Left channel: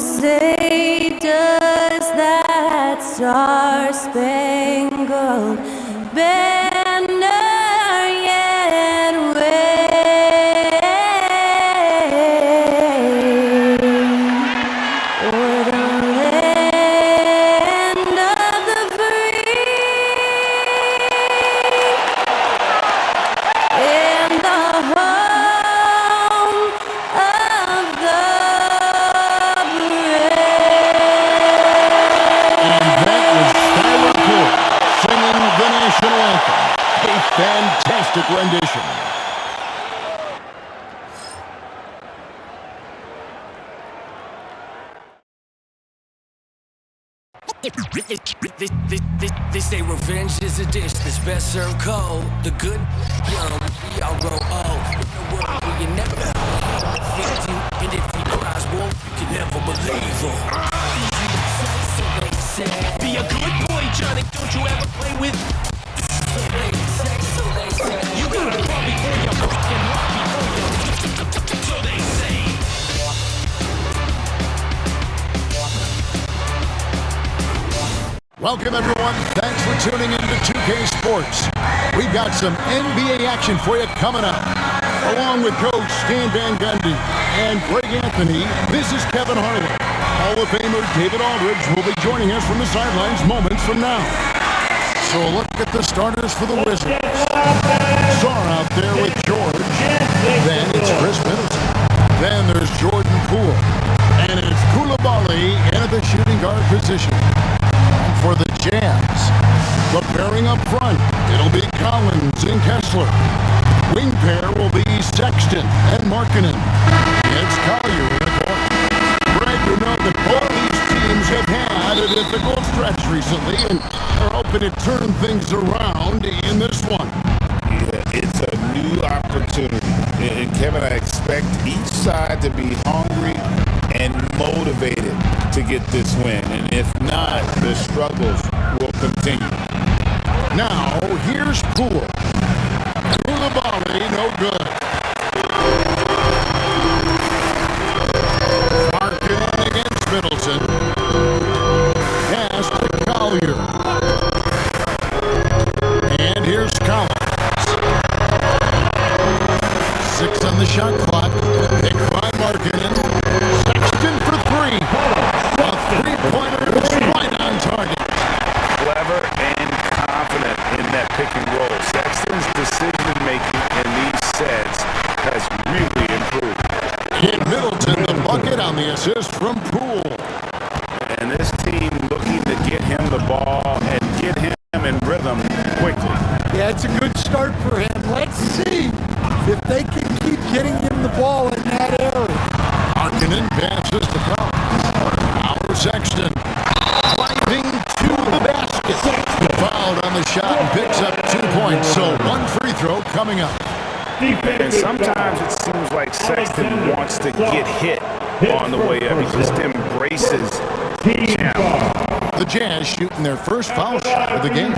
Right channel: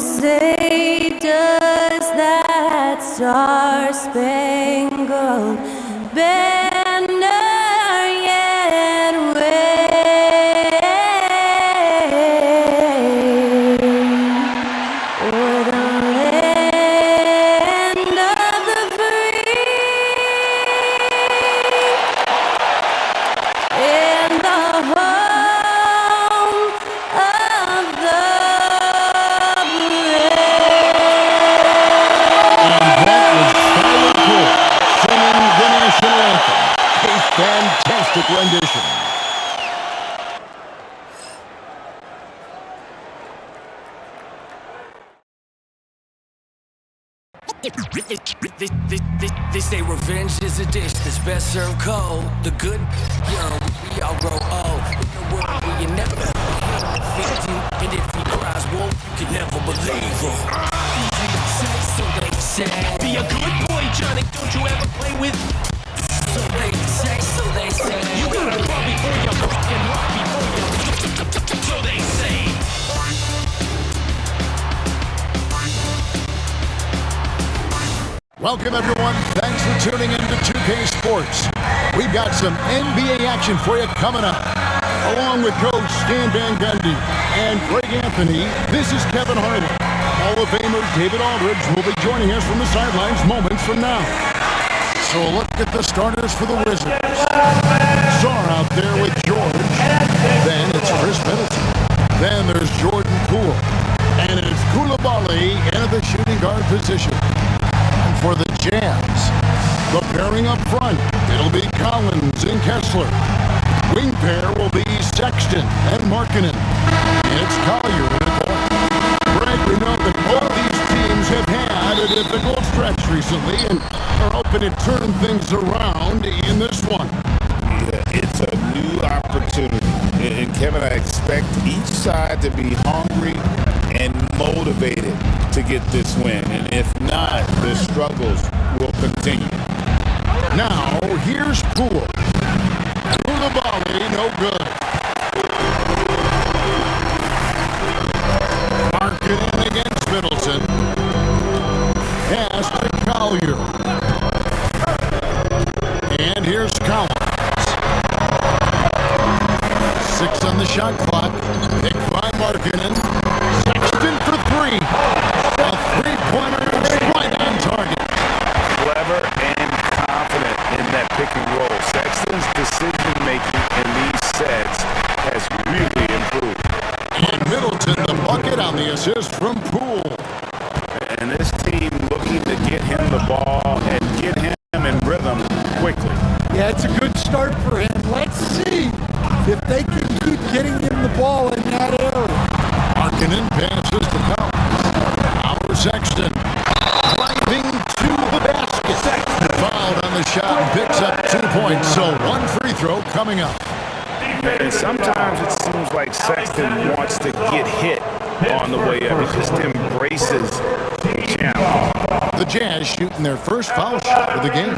say, does that star-spangled banner yet wave o'er the land of the free and the home of the brave? National anthem, a fantastic rendition. They say revenge is a dish that's best served cold. The good young, we all grow old. In a world where you never defeat you, and if he cries wolf, you can never believe him. So they say, be a good boy, Johnny. Don't you ever play with. So they say, you gotta crawl before you walk and walk before you. So they say. Welcome, everyone. Thanks for tuning in to 2K Sports. We've got some NBA action for you coming up. Along with Coach Stan Van Gundy and Greg Anthony, this is Kevin Harlan. Hall of Famer David Aldridge will be joining us from the sidelines moments from now. So look at the starters for the Wizards. Czar out there with George. Then it's Chris Middleton. Then there's Jordan Poole. And it's Koulibaly in at the shooting guard position. And for the Jazz, the pairing up front, it'll be Collins and Kessler. Wing pair will be Sexton and Markkanen. It's Collier in the corner. Greg, we know that both these teams have had a difficult stretch recently and are hoping to turn things around in this one. Yeah, it's a new opportunity. And Kevin, I expect each side to be hungry and motivated to get this win. And if not, the struggles will continue. Now, here's Poole. Koulibaly, no good. Markkanen against Middleton. Pass to Collier. And here's Collins. 6 on the shot clock. Picked by Markkanen. Sexton for 3. A three-pointer is right on target. Clever and confident in that pick and roll. Sexton's decision-making in these sets has really improved. And Middleton, the bucket on the assist from Poole. And this team looking to get him the ball and get him in rhythm quickly. Yeah, it's a good start for him. Let's see if they can keep getting him the ball in that area. Markkanen passes to Collins. Our Sexton driving to the basket. Fouled on the shot and picks up 2 points. So one free throw coming up. And sometimes it seems like Sexton wants to get hit on the way up. He just embraces the challenge. The Jazz shooting their first foul shot of the game.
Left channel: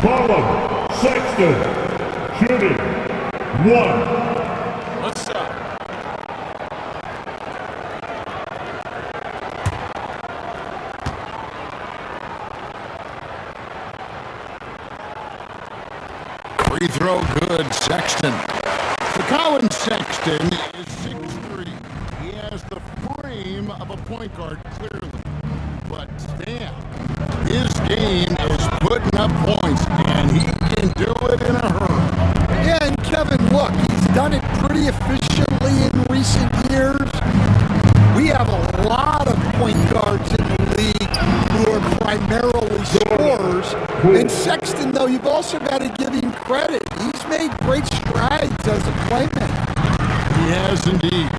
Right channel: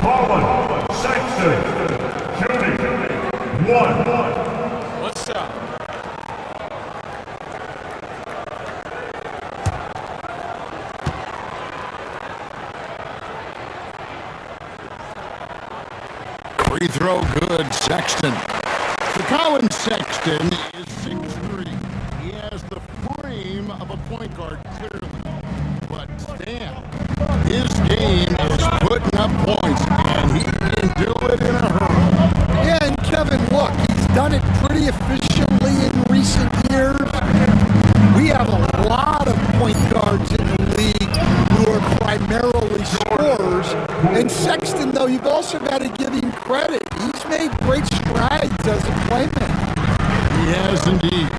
Collins, Sexton, shooting 1. What's up? Free throw good, Sexton. The Collins Sexton is 6'3". He has the frame of a point guard, clearly. But Stan, his game is putting up points, and he can do it in a hurry. Yeah, and Kevin, look, he's done it pretty efficiently in recent years. We have a lot of point guards in the league who are primarily scorers. And Sexton, though, you've also got to give him credit. He's made great strides as a playmaker. He has indeed.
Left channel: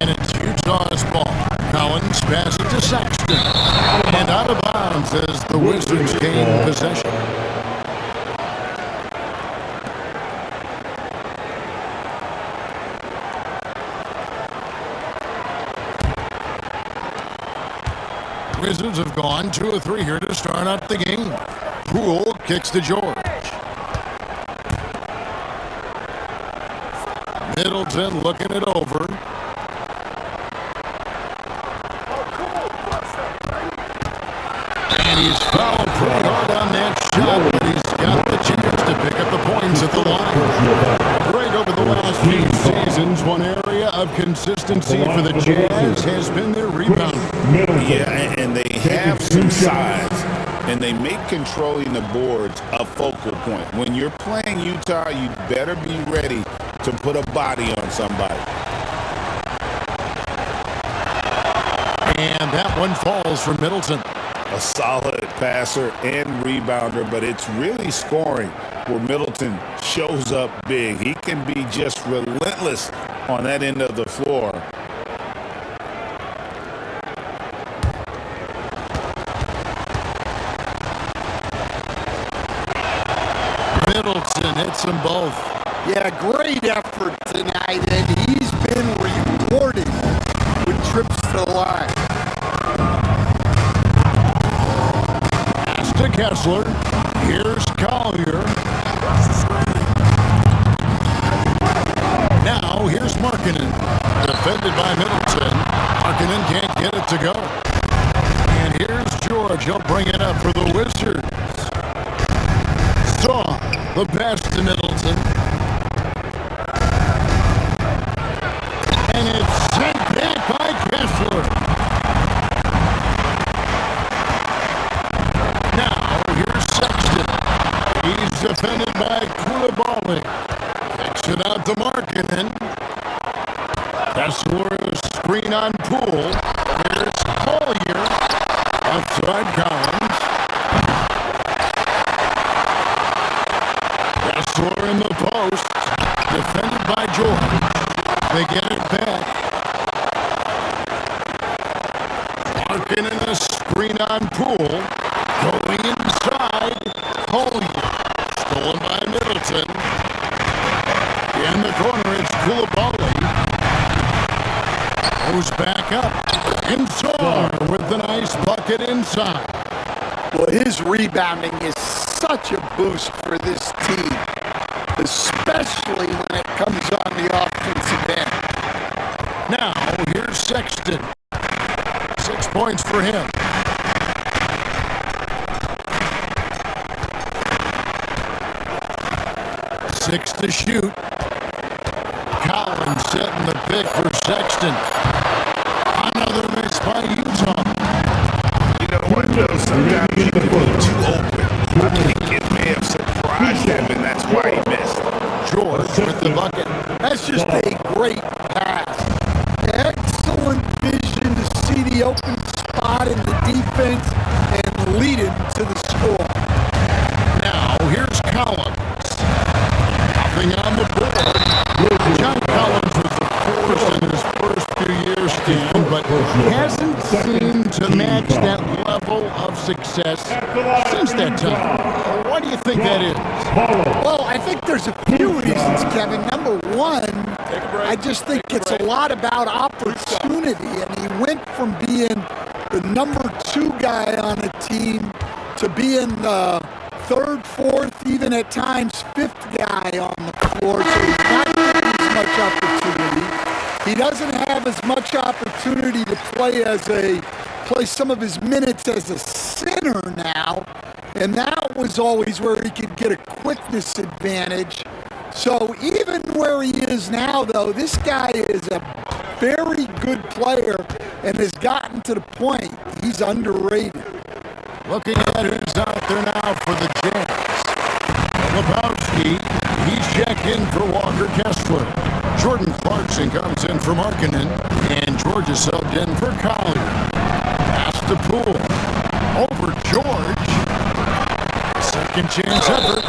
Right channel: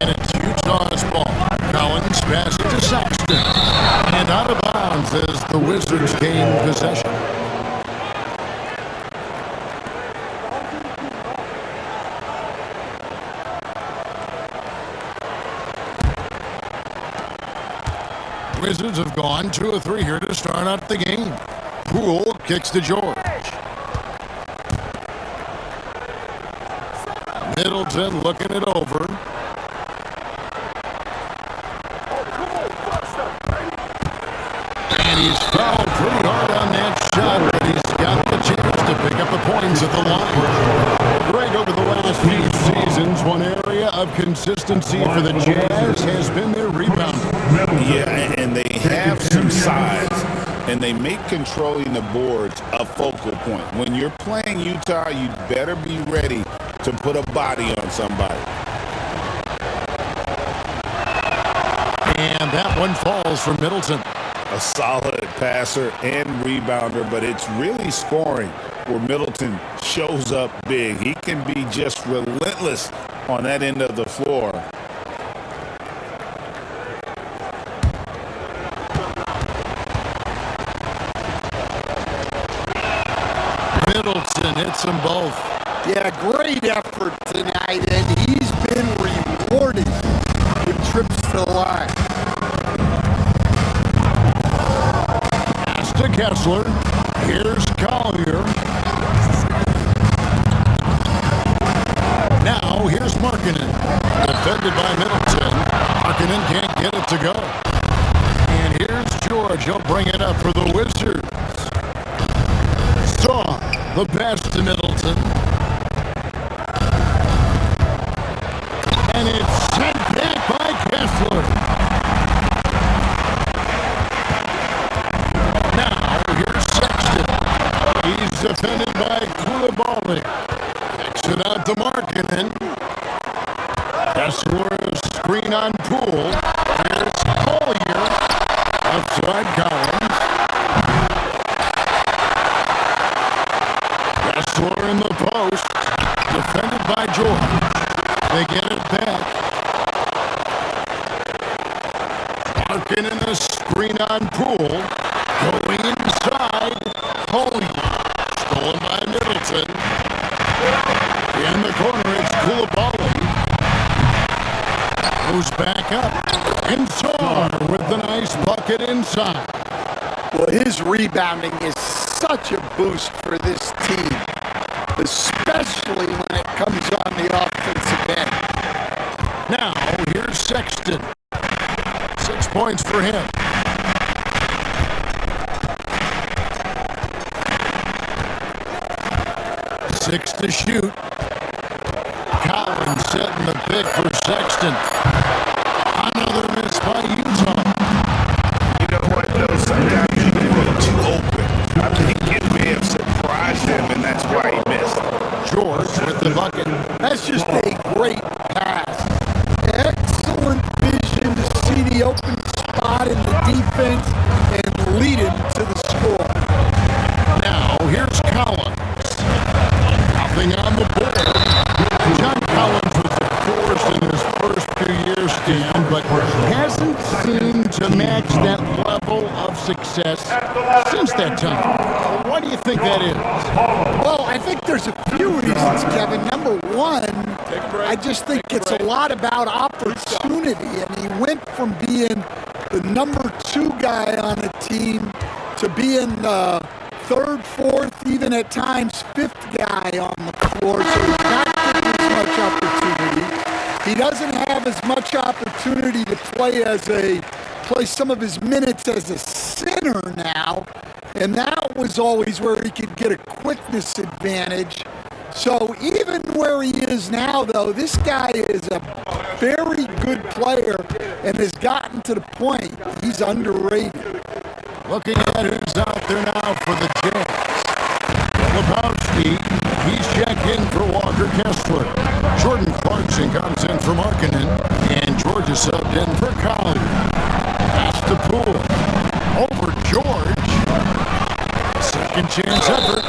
And it's Utah's ball. Collins passes to Sexton. And out of bounds as the Wizards gain possession. Wizards have gone 2 of 3 here to start out the game. Poole kicks to George. Middleton looking it over. shot, but he's got the chance to pick up the points at the line. Greg, over the last few seasons, one area of consistency for the Jazz has been their rebounding. Yeah, and they have some size, and they make controlling the boards a focal point. When you're playing Utah, you better be ready to put a body on somebody. And that one falls for Middleton. A solid passer and rebounder, but it's really scoring where Middleton shows up big. He can be just relentless on that end of the floor. Middleton hits them both. Yeah, great effort tonight, and he's been rewarded with trips to the line. Pass to Kessler. Here's Collier. Now here's Markkanen. Defended by Middleton. Markkanen can't get it to go. And here's George. He'll bring it up for the Wizards. Saw the pass to Middleton. And it's sent back by Kessler. Now, here's Sexton. He's defended by Koulibaly. Kicks it out to Markkanen. Kessler, screen on Poole. Here's Collier. Outside Collins. Kessler in the post. Defended by George. They get it back. Markkanen the screen on Poole. Going inside. Collier. Stolen by Middleton. In the corner, it's Koulibaly. Goes back up. And Sarr with the nice bucket inside. Well, his rebounding is such a boost for this team, especially when it comes on the offensive end. Now, here's Sexton. 6 points for him. Six to shoot. Collins setting the pick for Sexton. Another miss by Utah. You know what, though? Sometimes you can be too open. I think it may have surprised him, and that's why he missed. George with the bucket. That's just a great pass. Excellent vision to see the open spot in the defense and lead him to the score. Now, here's Collins. Nothing on the board. John Collins was the force in his first few years, Stan, but hasn't seemed to match that level of success since that time. Why do you think that is? Well, I think there's a few reasons, Kevin. Number one, I just think it's a lot about opportunity, and he went from being the number 2 guy on a team to being the 3rd, 4th, even at times 5th guy on the floor, so he's not getting as much opportunity. He doesn't have as much opportunity to play some of his minutes as a center now, and that was always where he could get a quickness advantage. So even where he is now, though, this guy is a very good player and has gotten to the point he's underrated. Looking at who's out there now for the Jazz. Lebowski, he's checked in for Walker Kessler. Jordan Clarkson comes in for Markkanen, and George is subbed in for Collier. Pass to Poole. Over George. Second chance effort.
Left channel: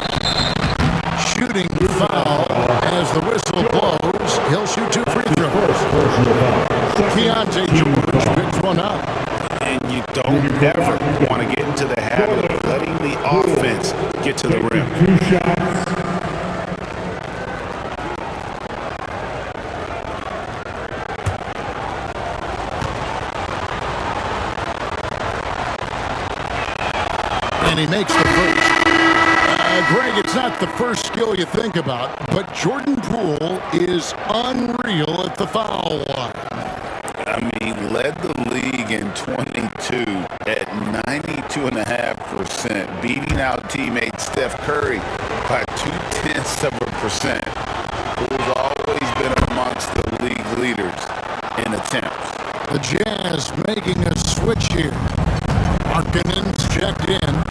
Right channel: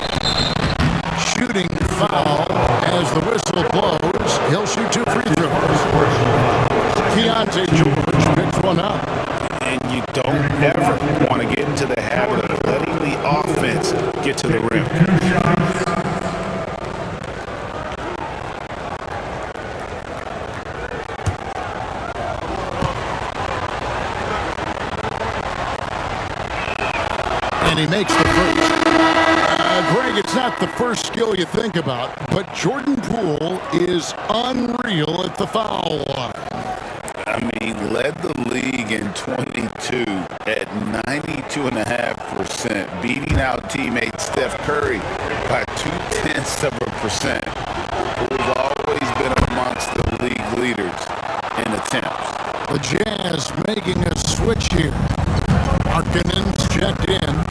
Shooting foul as the whistle blows. He'll shoot 2 free throws. Keontae George picks one up. And you don't ever want to get into the habit of letting the offense get to the rim. 2 shots. And he makes the first. Greg, it's not the first skill you think about, but Jordan Poole is unreal at the foul line. I mean, led the league in 22 at 92.5%, beating out teammate Steph Curry by 0.2%, who's always been amongst the league leaders in attempts. The Jazz making a switch here. Markkanen's checked in.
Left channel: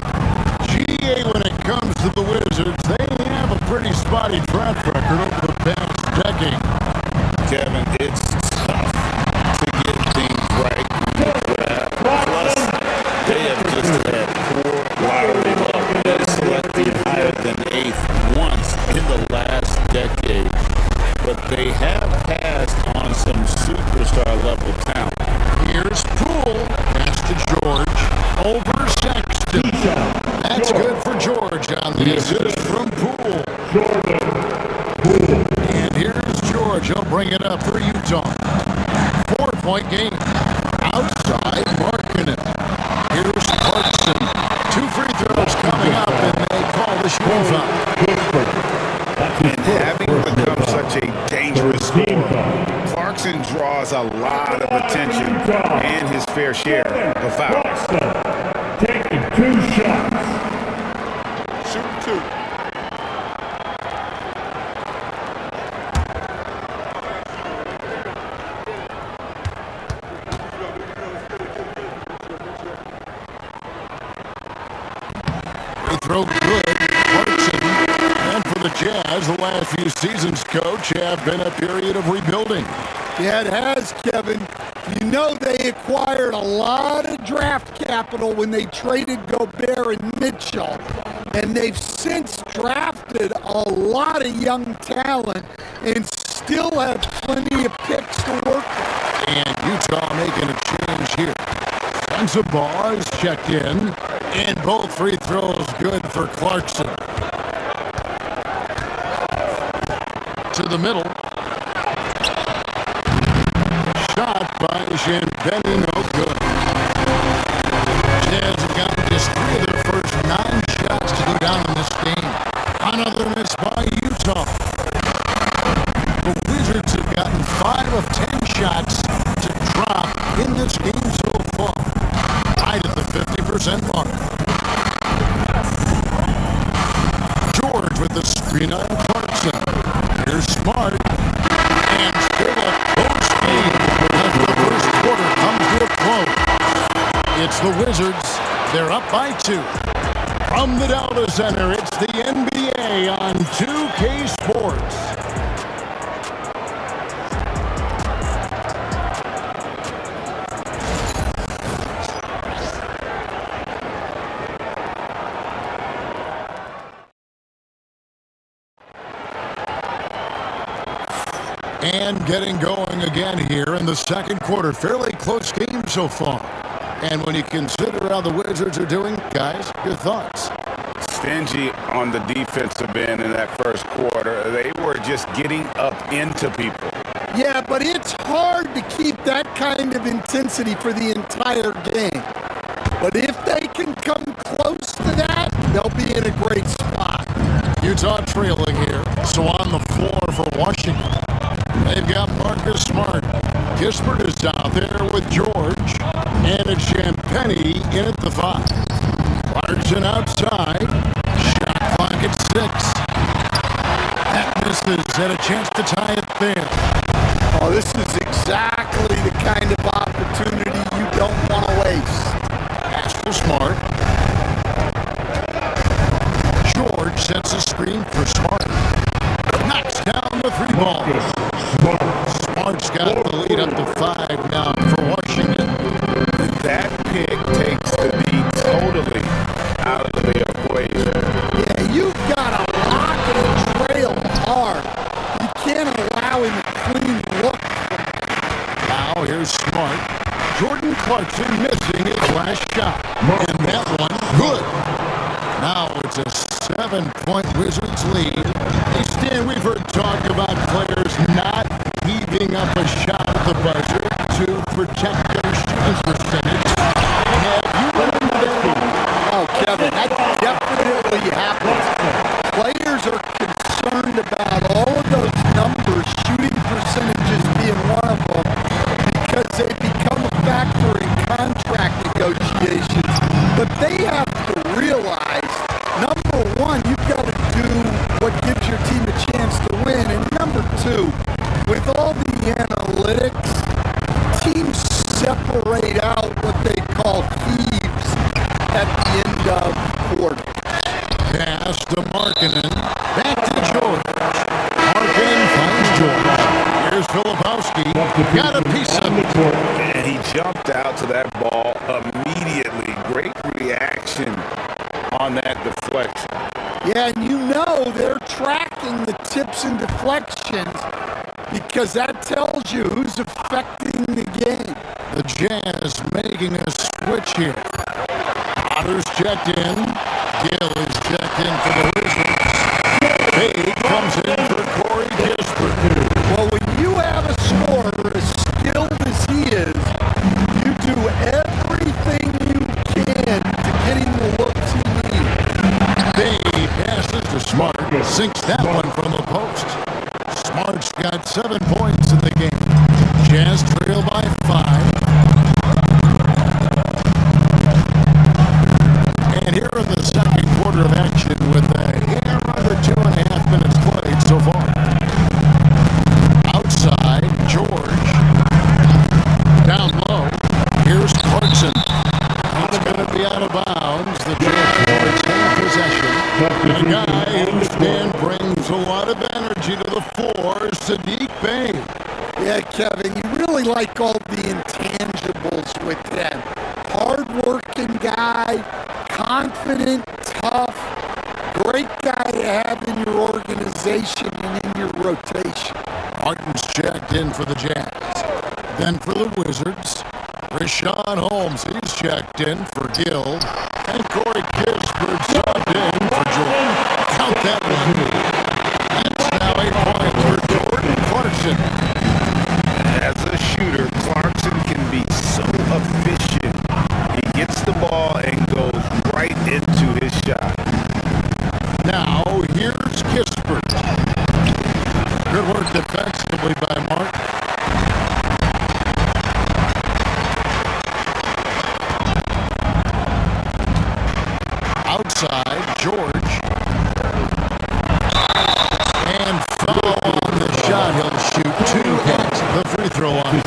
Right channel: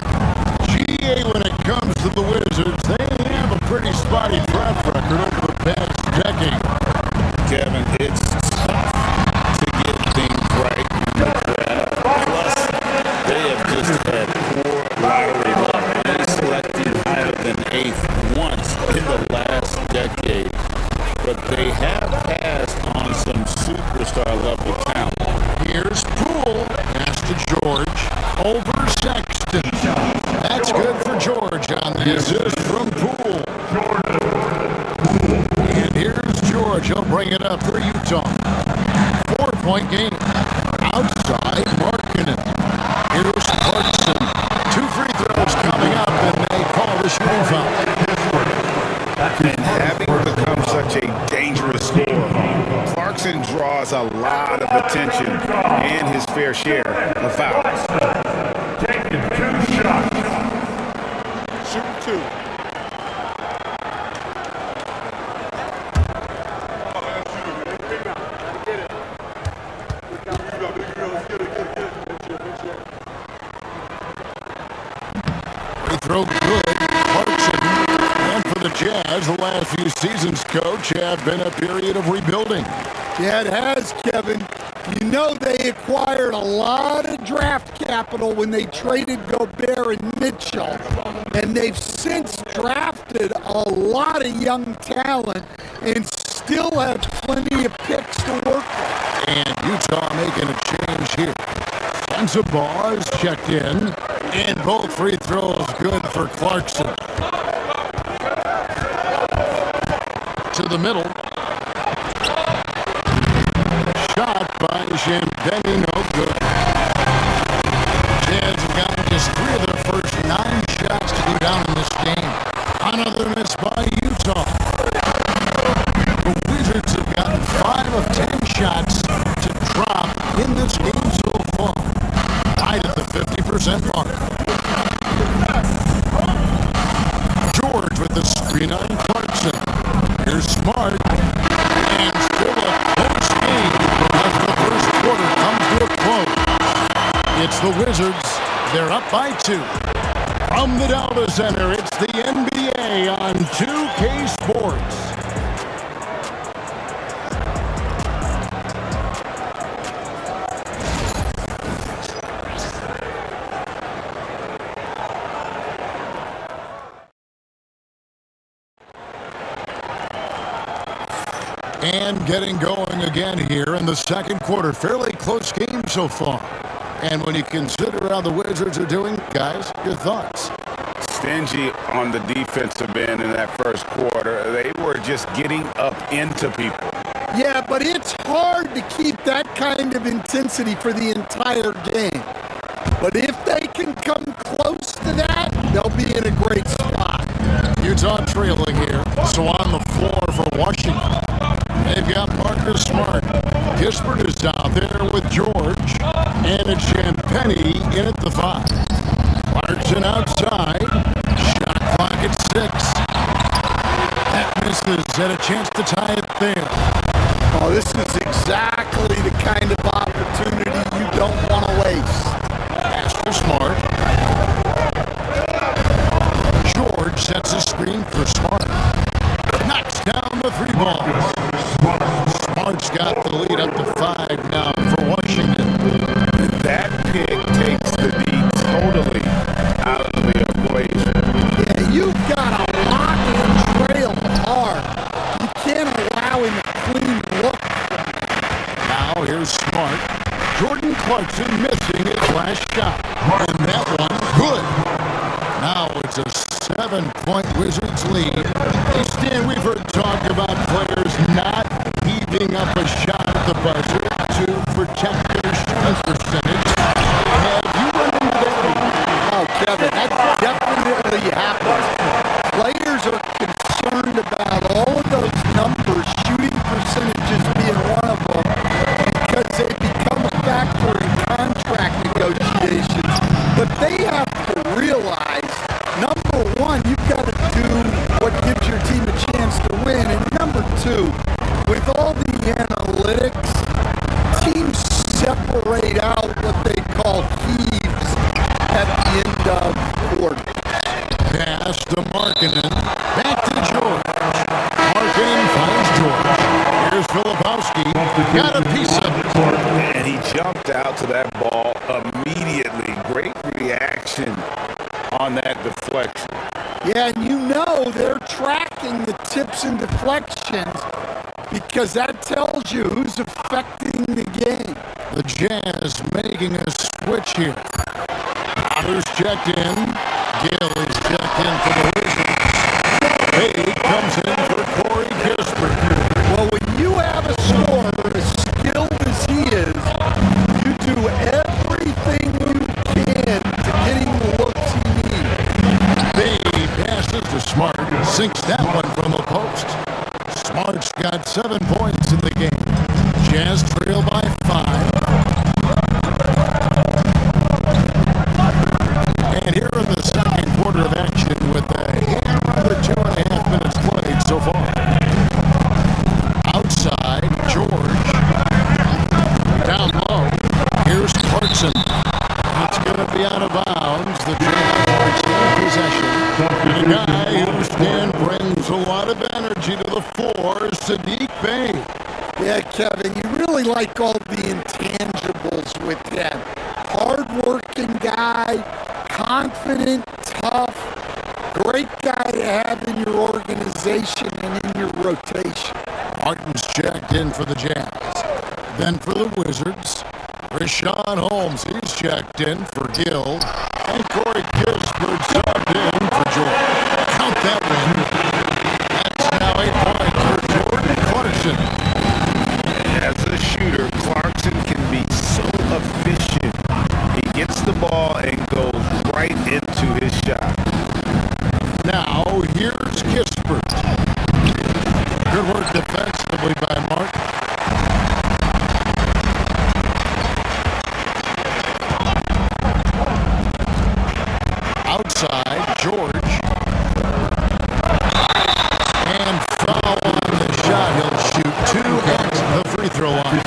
GA, when it comes to the Wizards, they have a pretty spotty track record over the past decade. Kevin, it's tough to get things right in the draft. Plus, they have just had poor lottery luck, only selecting higher than 8th once in the last decade. But they have passed on some superstar-level talent. Here's Poole. Pass to George. Over Sexton. That's good for George on the assist from Poole. And here's George. He'll bring it up for Utah. 4-point game. Outside Markkanen. Here's Clarkson. 2 free throws coming up, and they call the shooting foul. And having become such a dangerous scorer, Clarkson draws a lot of attention and his fair share of fouls. Taking 2 shots. Shooting 2. Free throw good. Clarkson. And for the Jazz, the last few seasons, Coach, have been a period of rebuilding. Yeah, it has, Kevin. You know they acquired a lot of draft capital when they traded Gobert and Mitchell, and they've since drafted a lot of young talent and still have plenty of picks to work with. And Utah making a change here. Sensabaugh is checked in, and both free throws good for Clarkson. To the middle. Shot by Champagnie, no good. Jazz have gotten just 3 of their first 9 shots to go down in this game. Another miss by Utah. The Wizards have gotten 5 of 10 shots to drop in this game so far. Right at the 50% mark. George with the screen on Clarkson. Here's Smart. And still a close game as the first quarter comes to a close. It's the Wizards. They're up by 2. From the Delta Center, it's the NBA on 2K Sports. And getting going again here in the second quarter. Fairly close game so far. And when you consider how the Wizards are doing, guys, your thoughts? Stingy on the defensive end in that first quarter. They were just getting up into people. Yeah, but it's hard to keep that kind of intensity for the entire game. But if they can come close to that, they'll be in a great spot. Utah trailing here, so on the floor for Washington. They've got Marcus Smart. Kispert is out there with George. And it's Champagnie in at the 5. Clarkson outside. Shot clock at 6. That misses. Had a chance to tie it there. Oh, this is exactly the kind of opportunity you don't want to waste. Pass for Smart. George sets a screen for Smart. Knocks down the 3 ball. Smart's got the lead up to 5 now for Washington. That pick takes the D totally out of the equation. Yeah, you've got to lock and trail hard. You can't allow him a clean look. Now here's Smart. Jordan Clarkson missing his last shot. And that one, good. Now it's a 7-point Wizards lead. Hey, Stan, we've heard talk about players not heaving up a shot at the buzzer to protect their shooting percentage. Have you run into that? Oh, Kevin, that definitely happens. Players are concerned about all of those numbers, shooting percentages being one of them, because they too. With all the analytics, teams separate out what they call heaves at the end of quarters. Pass to Markkanen. Back to George. Markkanen finds George. Here's Filipowski. Got a piece of it. And he jumped out to that ball immediately. Great reaction on that deflection. Yeah, and you know they're tracking the tips and deflections because that tells you who's affecting the game. The Jazz making a switch here. Otter's checked in. Gill is checked in for the Wizards. Bay comes in for Corey Kispert. Well, when you have a scorer as skilled as he is, you do everything you can to get him the looks he needs. Bay passes to Smart. Sinks that one from the post. Smart's got 7 points in the game. Jazz trail by 5. And here in the second quarter of action with a hair under 2.5 minutes played so far. Outside, George. Down low, here's Clarkson. That's going to be out of bounds. The Jazz are in possession. And a guy whose stand brings a lot of energy to the floor, Saddiq Bey. Yeah, Kevin, you really like all the intangibles with him. Hard-working guy, confident, tough, great guy to have in your organization and in your rotation. Martin's checked in for the Jazz. Then for the Wizards, Rashawn Holmes, he's checked in for Gill. And Corey Kispert subbed in for Jordan. Count that one. That's now 8 points for Jordan Clarkson. As a shooter, Clarkson can be so efficient. He gets the ball and goes right into his shot. Now, here's Kispert. Good work defensively by Mark. Outside, George. And foul on the shot. He'll shoot 2 at the free throw line.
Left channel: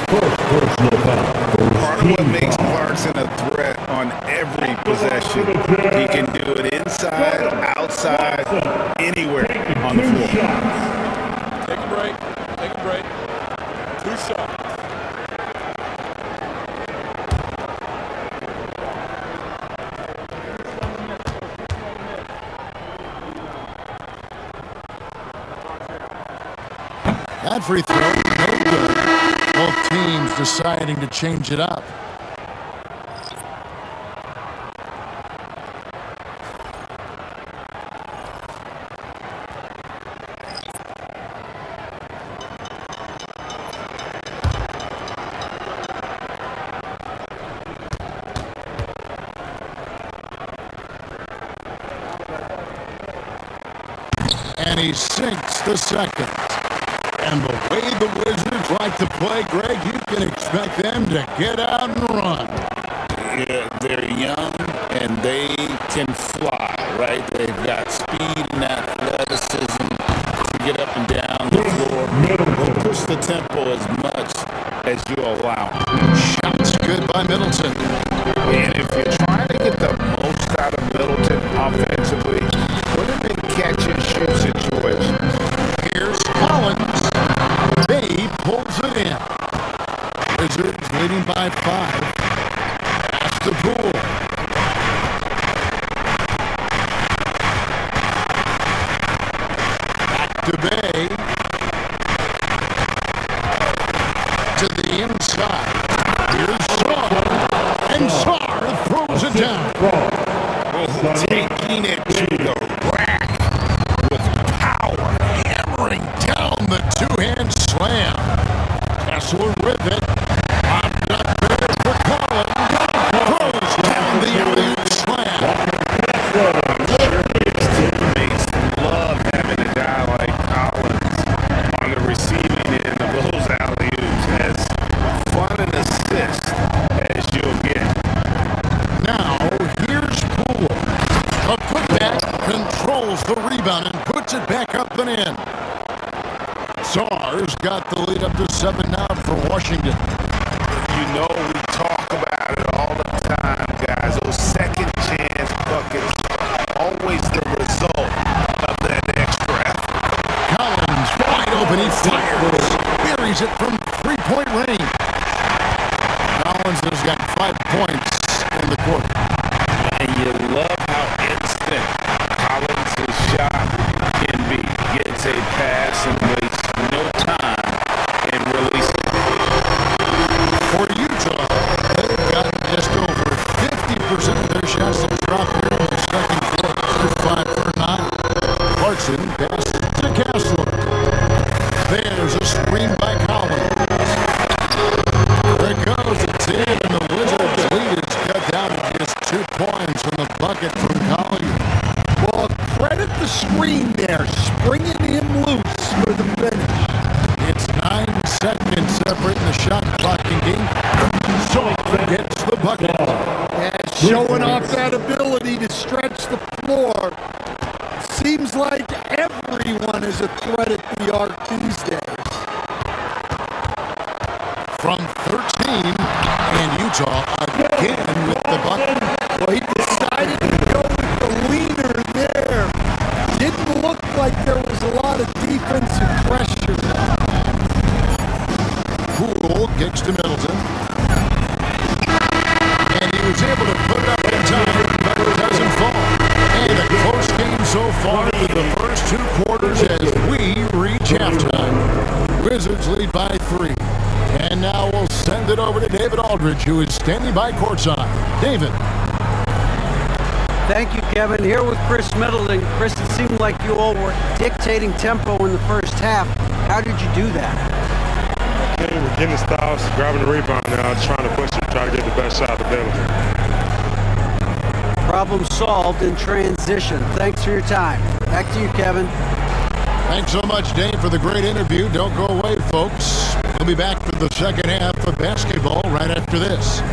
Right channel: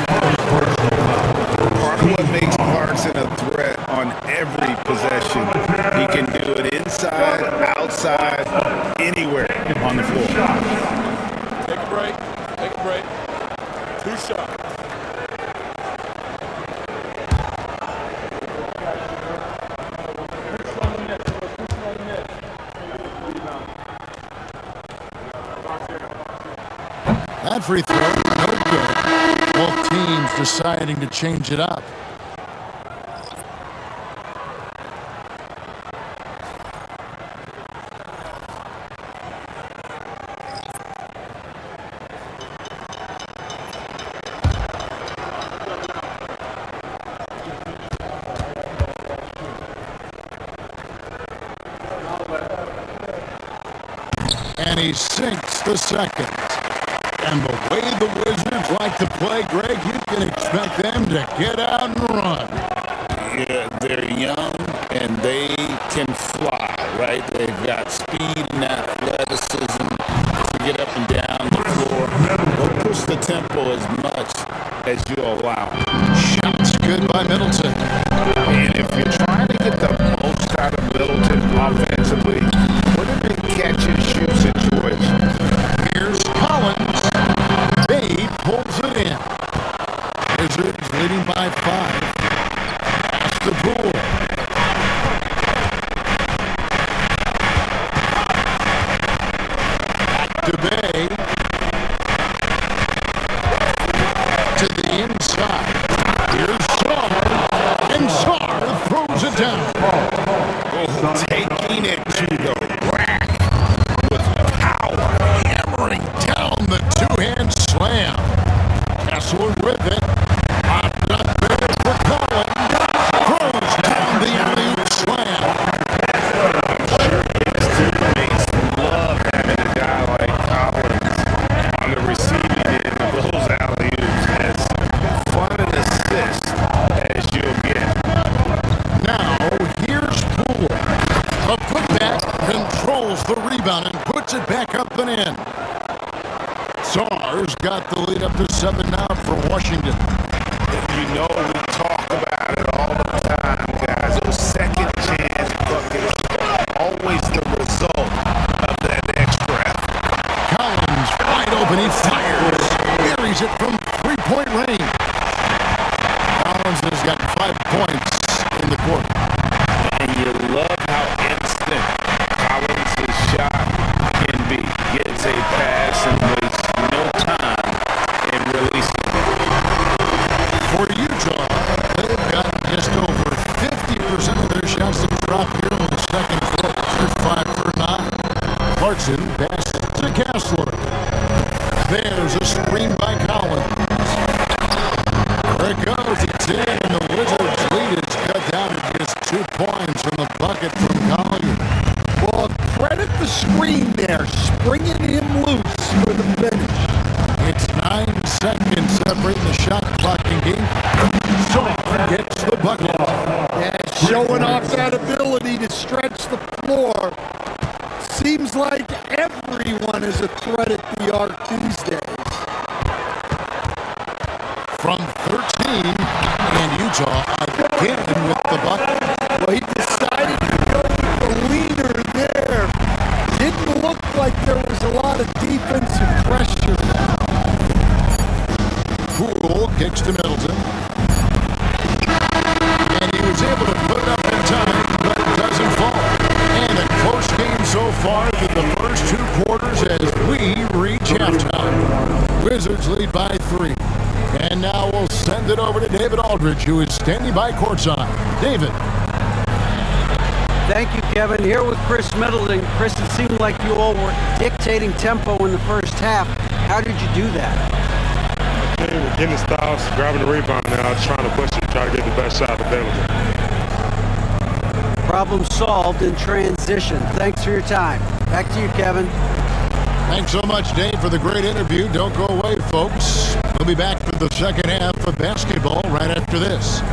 Part of what makes Clarkson a threat on every possession, he can do it inside, outside, anywhere on the floor. Take a break. Take a break. 2 shots. That free throw, no good. Both teams deciding to change it up. And he sinks the second. And the way the Wizards like to play, Greg, you can expect them to get out and run. Yeah, they're young and they can fly, right? They've got speed and athleticism to get up and down the floor. They'll push the tempo as much as you allow. Shots good by Middleton. And if you're trying to get the most out of Middleton offensively, put him in catch-and-shoot situations. Here's Collins. Bay pulls it in. Wizards leading by 5. Pass to Poole. Back to Bay. To the inside. Here's Sarr. And Sarr throws it down. Oh, taking it to the rack with power. Hammering down the two-hand slam. Kessler with it. Popped up there for Collins. Throws down the alley-oop slam. I'm sure his teammates love having a guy like Collins on the receiving end of those alley-oops. As fun an assist as you'll get. Now, here's Poole. The putback controls the rebound and puts it back up and in. Sarr Stars got the lead up to 7 now for Washington. You know we talk about it all the time, guys. Those second chance buckets, always the result of that extra effort. Collins wide open, he fires. Buries it from three-point range. Collins has got 5 points in the quarter. And you love how instant Collins' shot can be. Gets a pass and wastes no time in releasing it. For Utah, they've gotten just over 50% of their shots to drop here in the second quarter. They're 5 for 9. Clarkson passes to Kessler. There's a screen by Collins. There it goes at 10, and the Wizards' lead is cut down to just 2 points in the bucket from Collier. Well, credit the screen there, springing him loose for the finish. It's 9 seconds separating the shot clock in game. Shaw gets the bucket. Yeah, showing off that ability to stretch the floor. Seems like everyone is a threat at the arc these days. From 13, and Utah again with the bucket. Well, he decided to go with the leaner there. Didn't look like there was a lot of defensive pressure. Poole kicks to Middleton. And he was able to put it up in time, but it doesn't fall. And a close game so far through the first 2 quarters as we reach halftime. Wizards lead by 3. And now we'll send it over to David Aldridge, who is standing by courtside. David. Thank you, Kevin. Here with Chris Middleton. Chris, it seemed like you all were dictating tempo in the first half. How did you do that? Okay, we're getting the styles, grabbing the rebound now, just trying to push it, try to get the best shot available. Problem solved in transition. Thanks for your time. Back to you, Kevin. Thanks so much, Dave, for the great interview. Don't go away, folks. We'll be back for the second half of basketball right after this.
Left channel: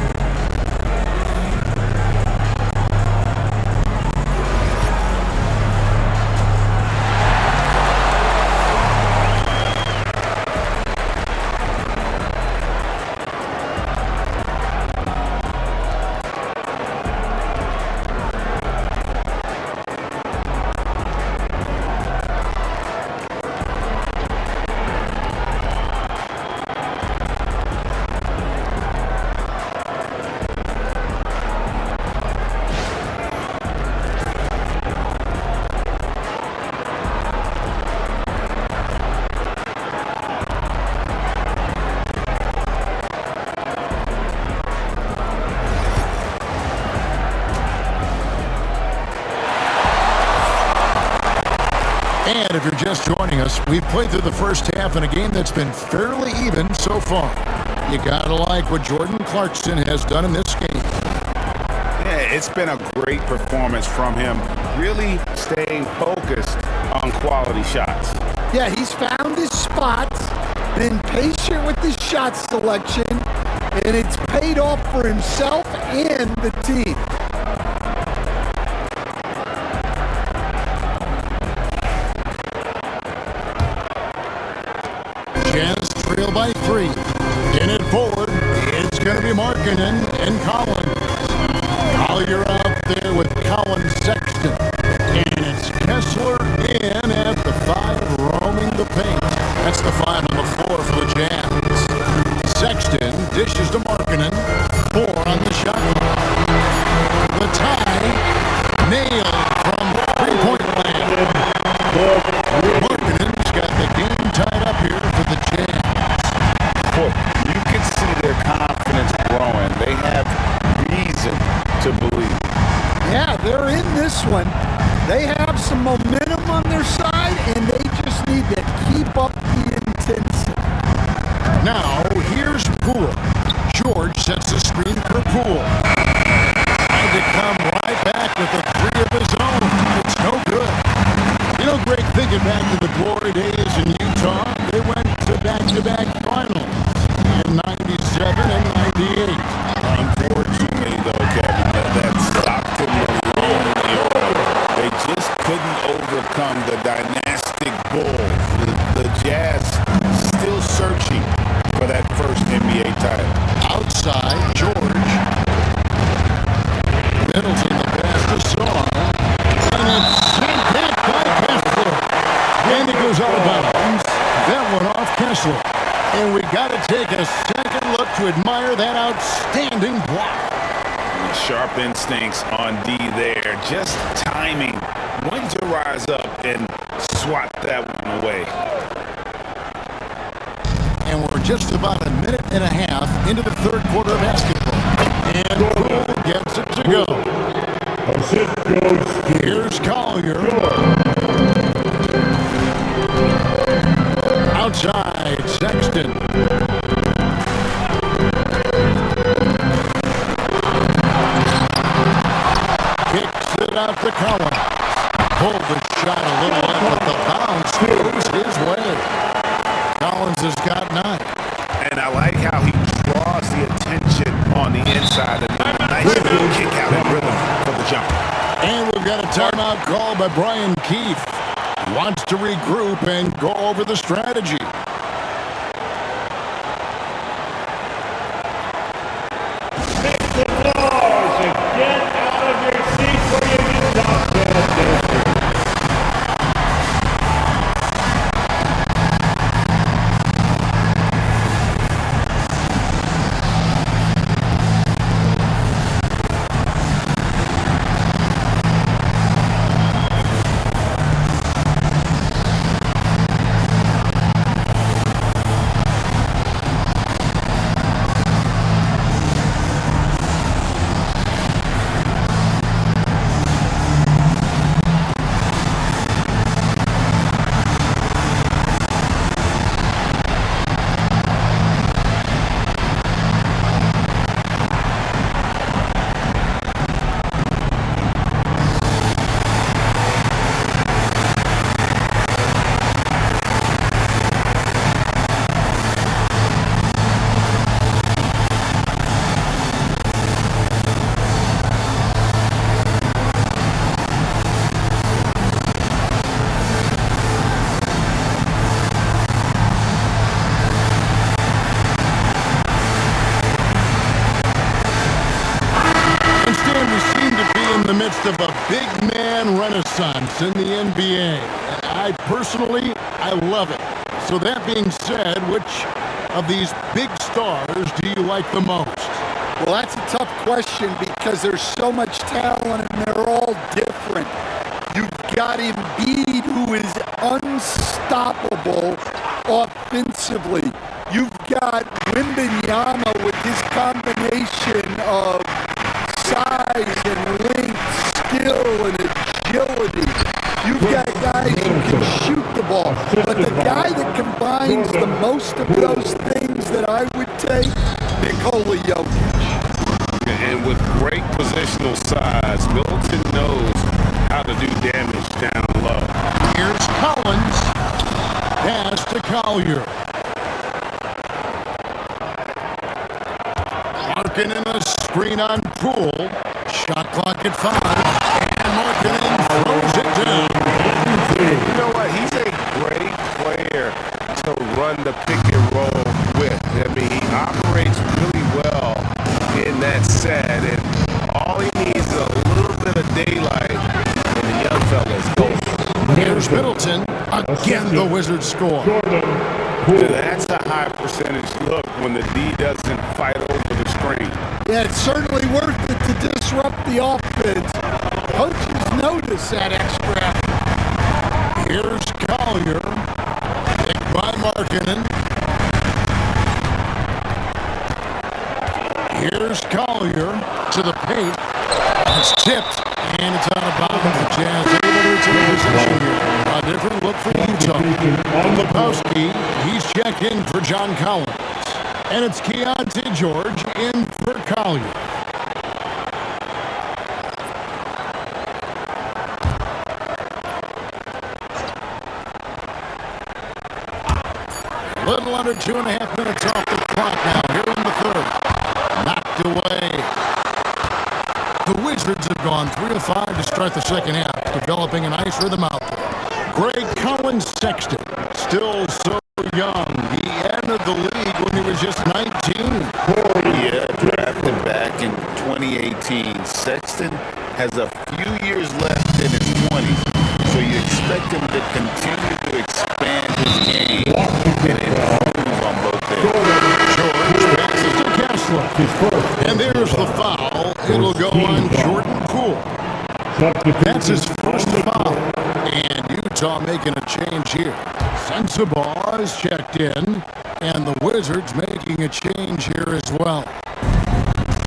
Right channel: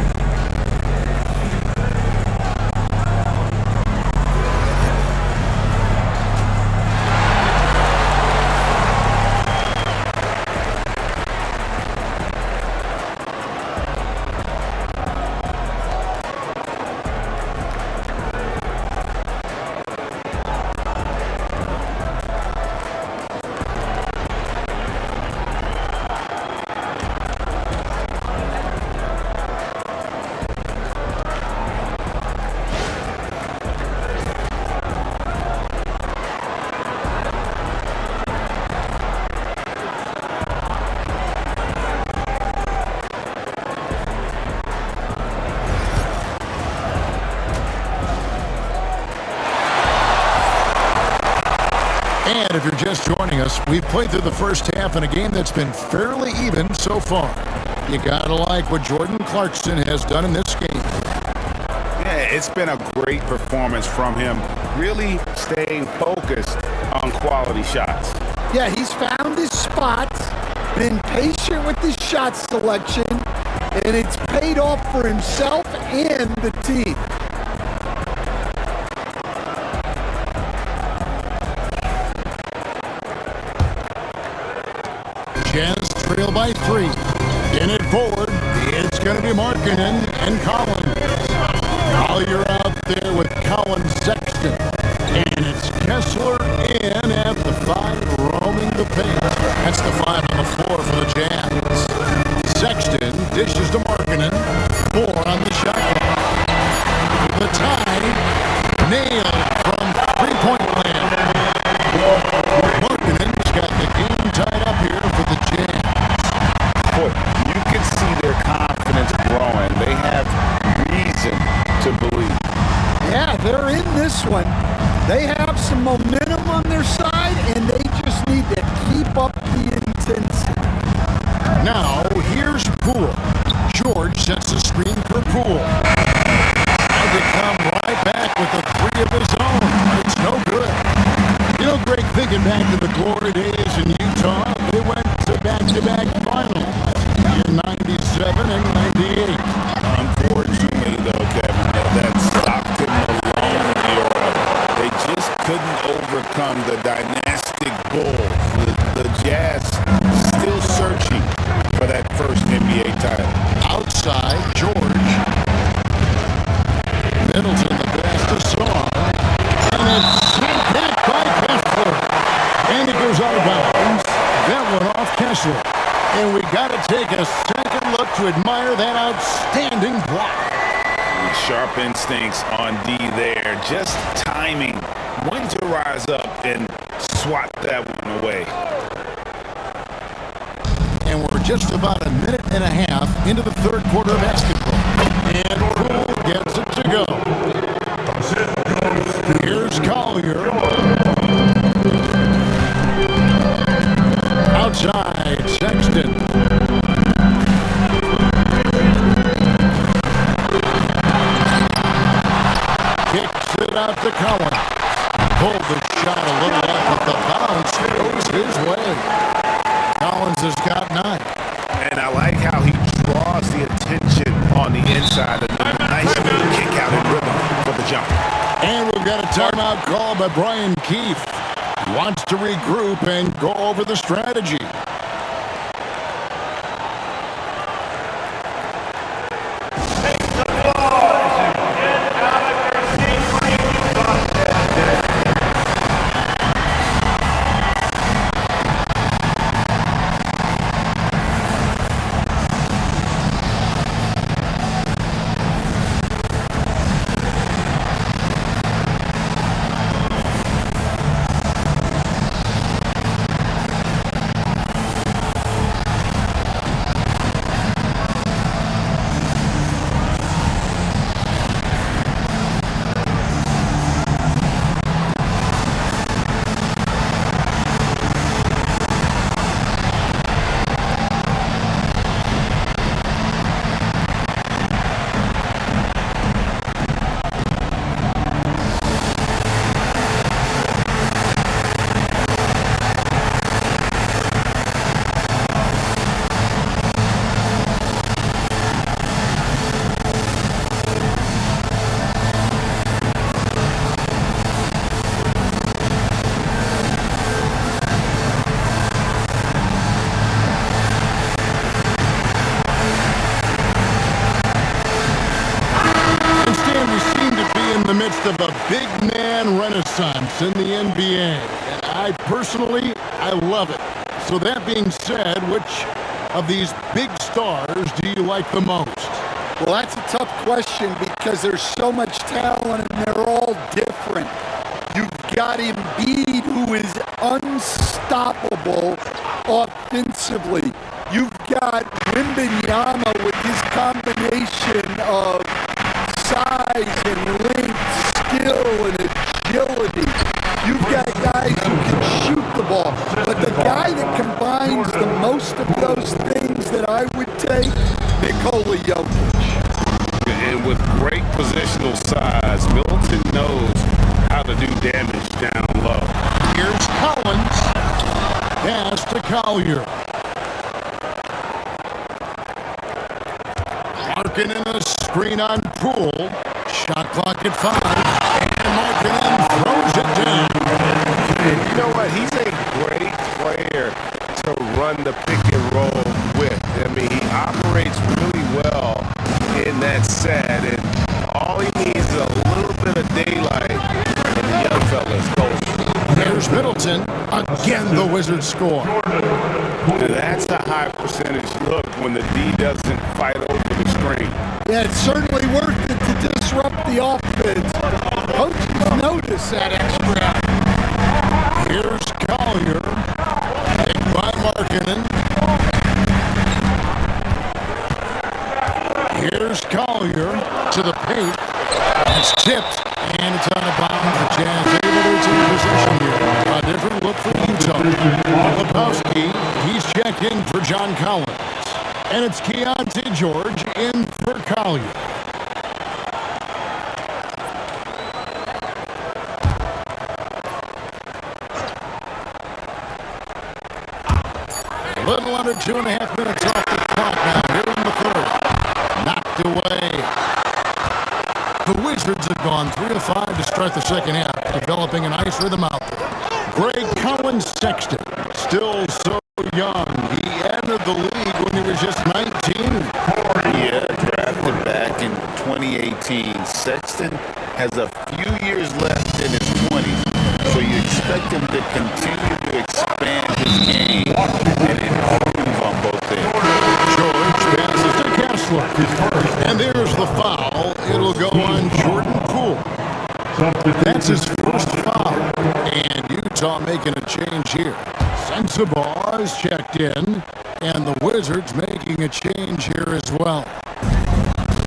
And if you're just joining us, we've played through the first half in a game that's been fairly even so far. You gotta like what Jordan Clarkson has done in this game. Yeah, it's been a great performance from him, really staying focused on quality shots. Yeah, he's found his spots, been patient with his shot selection, and it's paid off for himself and the team. Jazz trail by 3. In it forward, it's going to be Markkanen and Collins. Collier out there with Collins Sexton. And it's Kessler in at the 5, roaming the paint. That's the 5 on the floor for the Jazz. Sexton dishes to Markkanen. 4 on the shot clock. The tie, nailed from three-point land. Markkanen's got the game tied up here for the Jazz. Boy, you can see their confidence growing. They have reason to believe. Yeah, they're in this one. They have some momentum on their side, and they just need to keep up the intensity. Now, here's Poole. George sets the screen for Poole. Tried to come right back with a 3 of his own, but it's no good. You know, Greg, thinking back to the glory days in Utah, they went to back-to-back finals in 97 and 98. Unfortunately, though, Kevin, that Stockton Malone era, they just couldn't overcome the dynastic Bulls. The Jazz for that first NBA title. Outside, George. Middleton, the pass to Saw. And it's sent back by Kessler. And it goes out of bounds. That one off Kessler. And we got to take a second look to admire that outstanding block. Sharp instincts on D there. Just timing when to rise up and swat that one away. And we're just about a minute and a half into the third quarter of basketball. And Poole gets it to go. Here's Collier. Outside, Sexton. Kicks it out to Collins. Pulled the shot a little left, but the bounce goes his way. Collins has got 9. And I like how he draws the attention on the inside and a nice little kick out in rhythm for the jump. And we've got a timeout call by Brian Keefe. He wants to regroup and go over the strategy. We seem to be in the midst of a big man renaissance in the NBA. And I love it. So that being said, which of these big stars do you like the most? Well, that's a tough question because there's so much talent and they're all different. You've got Embiid, who is unstoppable offensively. You've got Wembanyama with his combination of size and length, skill and agility. You've got guys who can shoot the ball. But the guy that combines the most of those things that I would take, Nikola Jokic. And with great positional size, Middleton knows how to do damage down low. Here's Collins. Pass to Collier. Markkanen a screen on Poole. Shot clock at 5. And Markkanen throws it down. And you know what? He's a great player to run the pick and roll with. I mean, he operates really well in that set. And all he needs is a little bit of daylight. And the young fella's golden. Here's Middleton. Again, the Wizards score. That's a high percentage look when the D doesn't fight over the screen. Yeah, it's certainly worth it to disrupt the offense. Coaches notice that extra. Here's Collier. Picked by Markkanen. Here's Collier to the paint. It's tipped, and it's out of bounds. The Jazz able to retain possession here. A different look for Utah. Lebowski, he's checked in for John Collins. And it's Keontae George in for Collier. A little under 2.5 minutes off the clock now here in the third. Knocked away. The Wizards have gone 3 of 5 to start the second half, developing a nice rhythm out there. Greg Collins Sexton, still so young. He entered the league when he was just 19. Yeah, drafted back in 2018. Sexton has a few years left in his 20s, so you expect him to continue to expand his game and improve on both ends. George passes to Kessler. And there's the foul. It'll go on Jordan Poole. That's his first foul. And Utah making a change here. Sensabaugh is checked in. And the Wizards making a change here as well.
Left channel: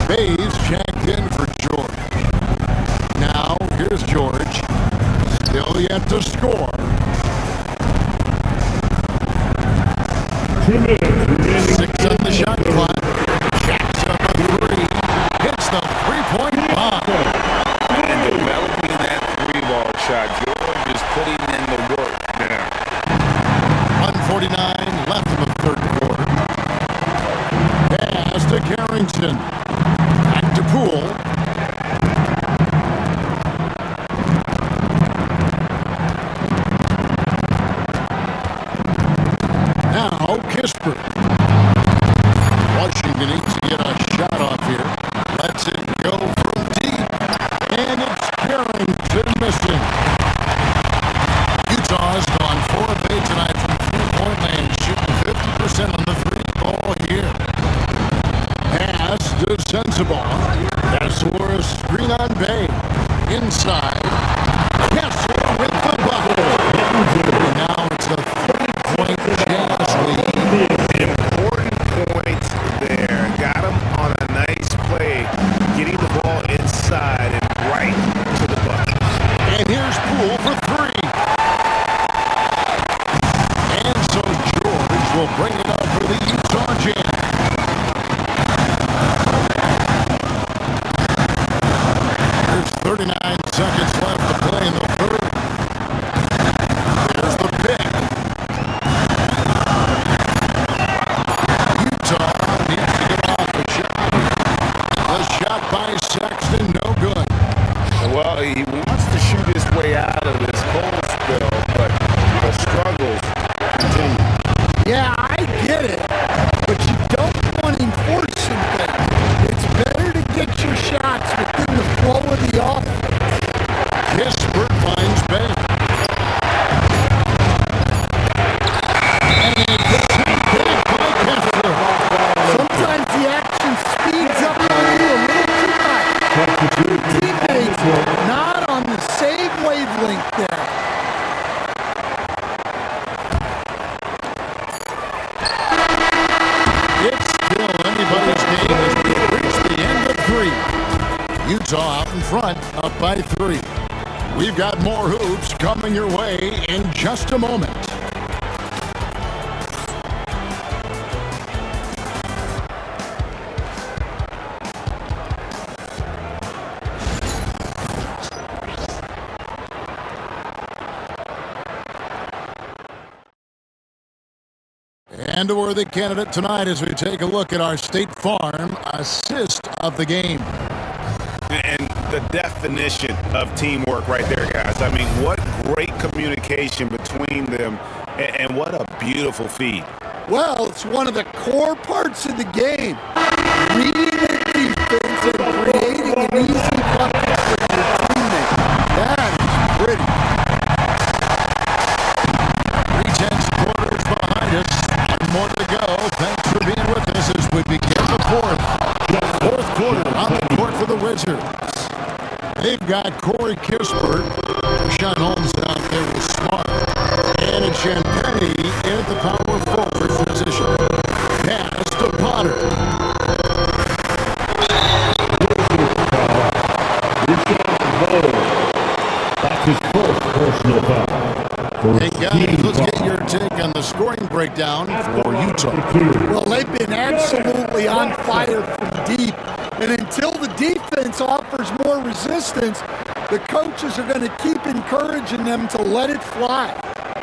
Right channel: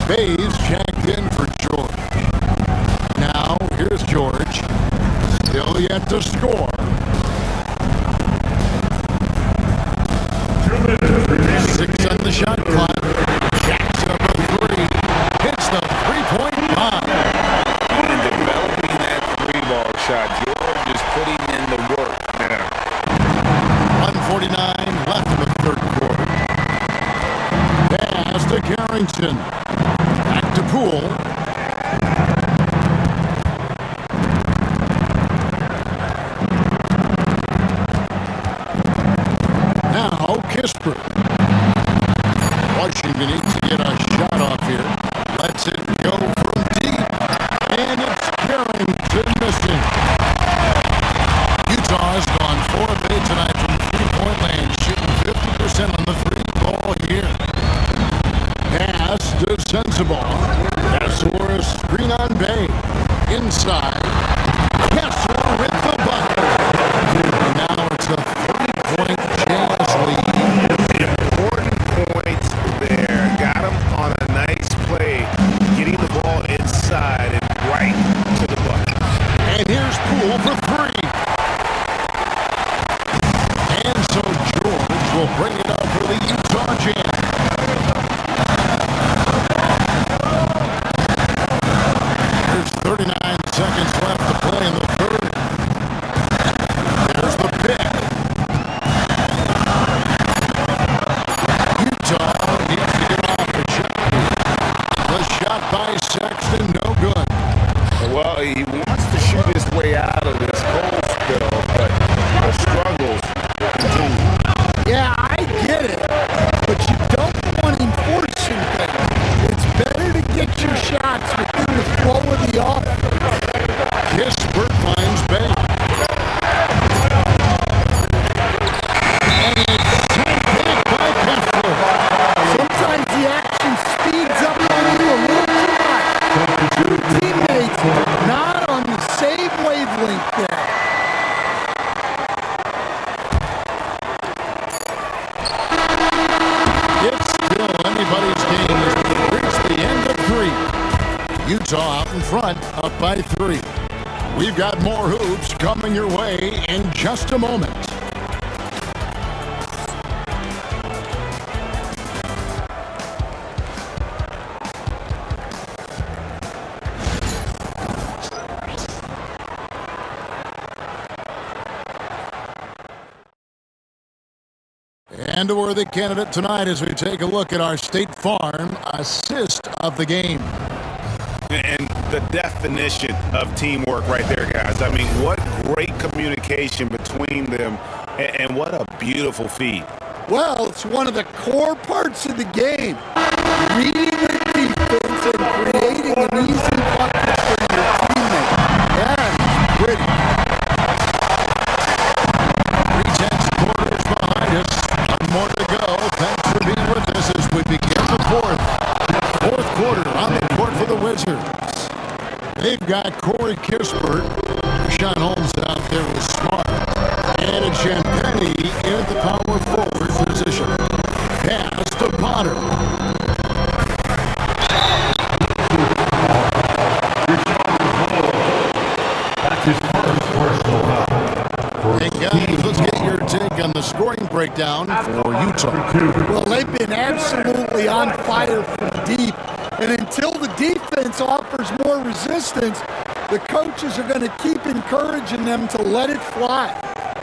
Bayes checked in for George. Now, here's George. Still yet to score. 2 minutes remaining. 6 on the shot clock. Jacks up a 3. Hits the three-point bomb. And developing that three-ball shot, George is putting in the work now. 1:49 left in the third quarter. Pass to Carrington. Back to Poole. Now Kispert. Washington needs to get a shot off here. Lets it go from deep. And it's Carrington missing. Utah has gone 4 of 8 tonight from three-point land, shooting 50% on the three-ball here. Pass to Sensabaugh. Kessler a screen on Bay. Inside. Kessler with the bucket. And now it's a three-point Jazz lead. Important point there. Got him on a nice play, getting the ball inside and right to the bucket. And here's Poole for 3. And so George will bring it up for the Utah Jazz. There's 39 seconds left to play in the third. There's the pick. Utah needs to get off a shot here. The shot by Sexton, no good. Well, he wants to shoot his way out of this cold spill, but the struggles continue. Yeah, I get it, but you don't want him forcing things. It's better to get your shots within the flow of the offense. Kispert finds Bay. And it's sent back by Kessler. Sometimes the action speeds up on you a little too much. Two teammates not on the same wavelength there. It's still anybody's game as we reach the end of 3. Utah out in front, up by 3. We've got more hoops coming your way in just a moment. And a worthy candidate tonight as we take a look at our State Farm assist of the game. And the definition of teamwork right there, guys. I mean, what great communication between them, and what a beautiful feed. Well, it's one of the core parts of the game. Reading the defense and creating an easy bucket for your teammate. That is pretty. 3/10 quarters behind us. One more to go. Thanks for being with us as we begin the fourth quarter on the court for the Wizards. They've got Corey Kispert. Rashawn Holmes out there with Smart. And a Champagny in the power forward position. Pass to Potter. That's his first personal foul. Hey guys, let's get your take on the scoring breakdown for Utah. Well, they've been absolutely on fire from deep. And until the defense offers more resistance, the coaches are going to keep encouraging them to let it fly.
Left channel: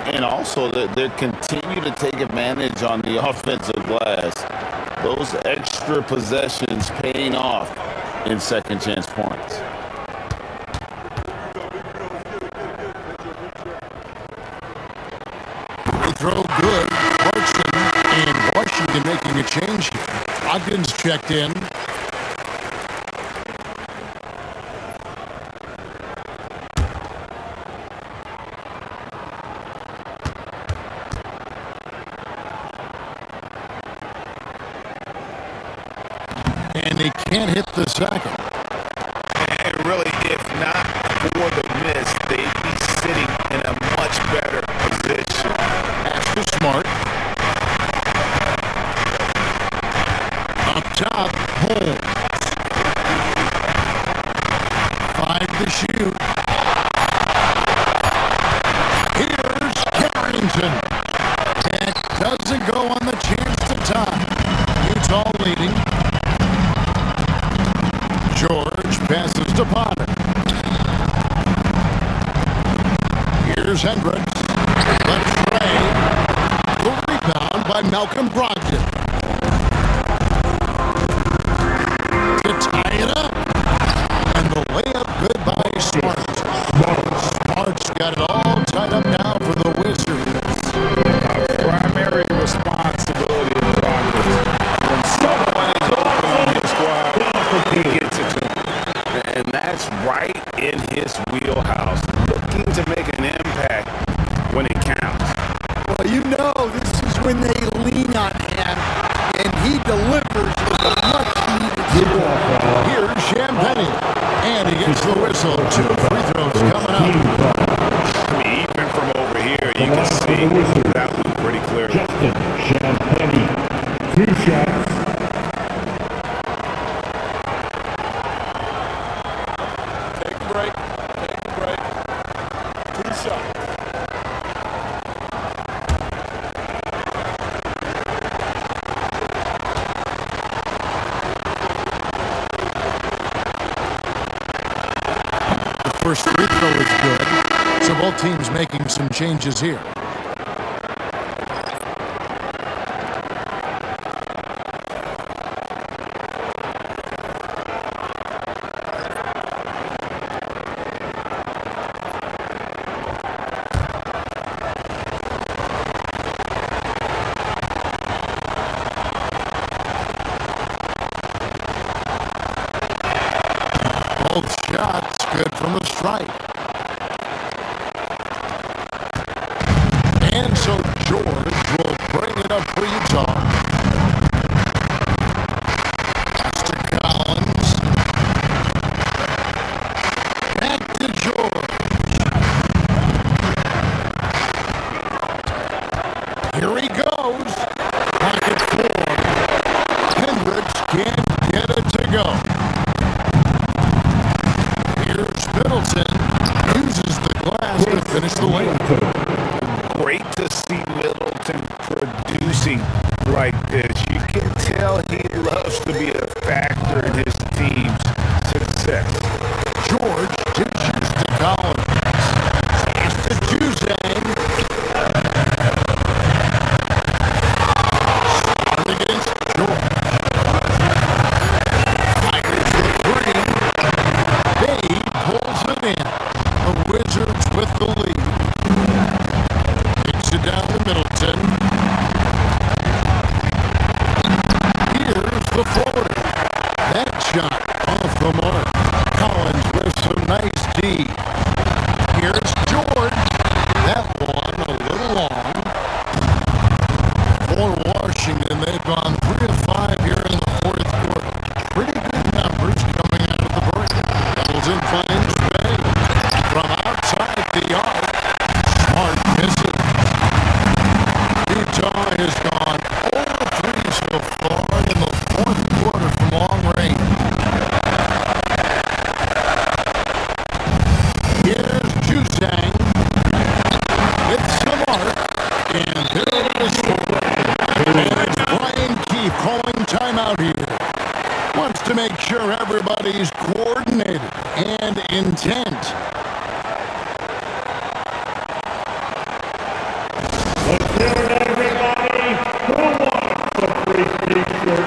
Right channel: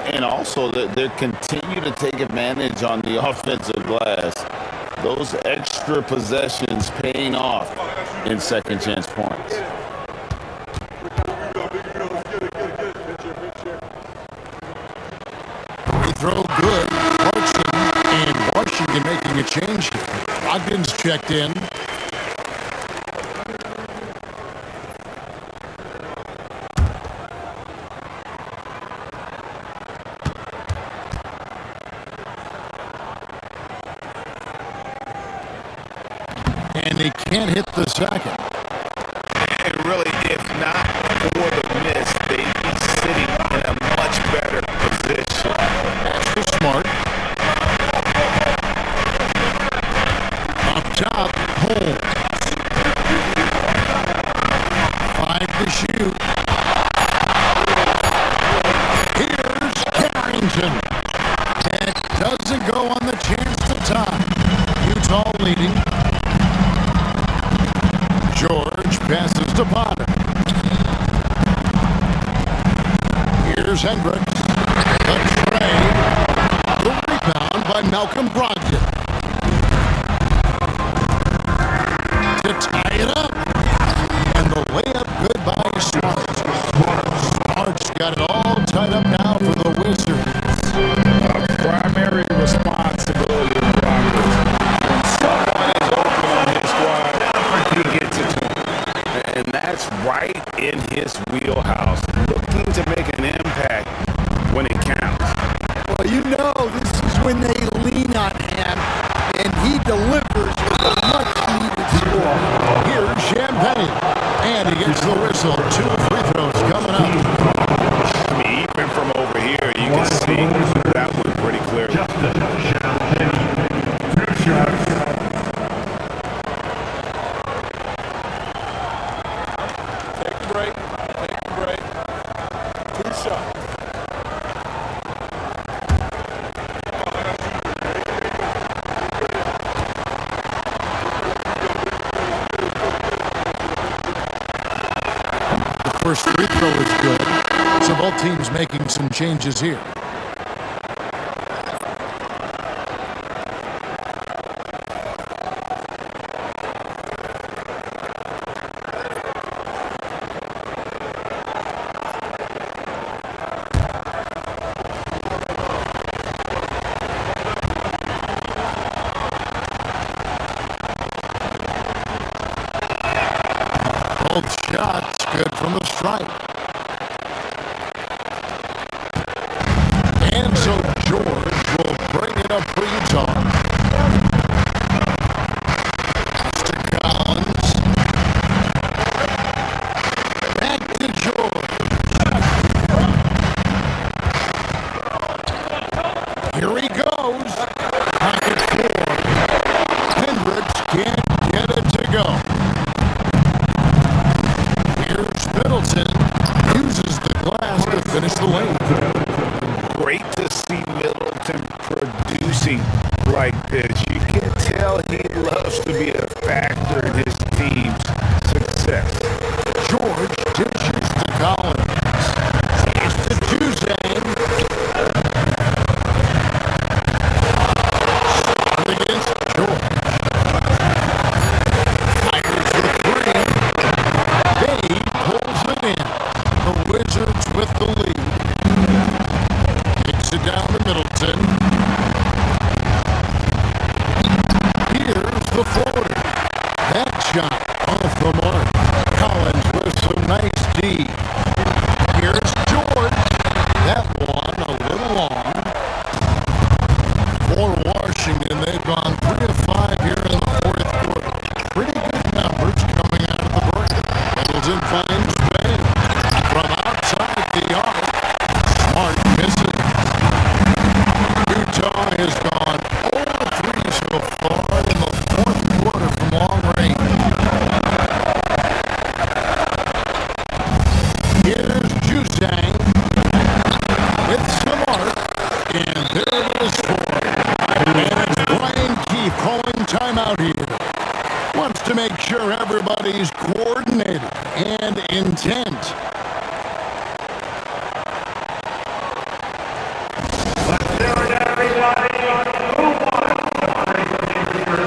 And also, they continue to take advantage on the offensive glass. Those extra possessions paying off in second chance points. Free throw good. Clarkson in making a change here. Ogden's checked in. And he can't hit the second. And really, if not for the miss, they'd be sitting in a much better position. That's the smart. Up top, Holmes. 5 to shoot. Here's Carrington. It doesn't go on the chance to tie. Utah leading. George passes to Potter. Here's Hendricks. The trade. The rebound by Malcolm Brogdon. To tie it up. And the layup good by Smart. Smart's got it all tied up now for the Wizards. A primary responsibility of Brogdon. When someone is open on his squad, he gets it to him. And that's right in his wheelhouse. Looking to make an impact when it counts. Well, you know, this is when they lean on him, and he delivers with a much-needed score. Here's Champagne. And he gets the whistle. 2 free throws coming up. I mean, even from over here, you can see that one pretty clearly. Justin Champagne, 2 shots. Take a break. Take a break. 2 shots. First free throw is good. So both teams making some changes here. Both shots good from the stripe. And so George will bring it up for Utah. Pass to Collins. Back to George. Here he goes. Pocket 4. Hendricks can't get it to go. Here's Middleton. Uses the glass to finish the lane. Great to see Middleton producing like this. You can tell he loves to be a factor in his team's success. George dishes to Collins. Pass to Juzang. Start against George. Fires the 3. Bay pulls it in. The Wizards with the lead. Takes it down to Middleton. Here's the floater. That shot off the mark. Collins with some nice D. Here's George. That one a little long. For Washington, they've gone 3 of 5 here in the 4th quarter. Pretty good numbers coming out of the break. Middleton finds Bay. From outside the arc, Smart misses. Utah has gone 0-3 so far in the 4th quarter from long range. Here's Juzang with some arc, and there it is for him. And it's Brian Keefe calling timeout here. Wants to make sure everybody's coordinated and intent. Let's hear it, everybody. Who wants the free t-shirt?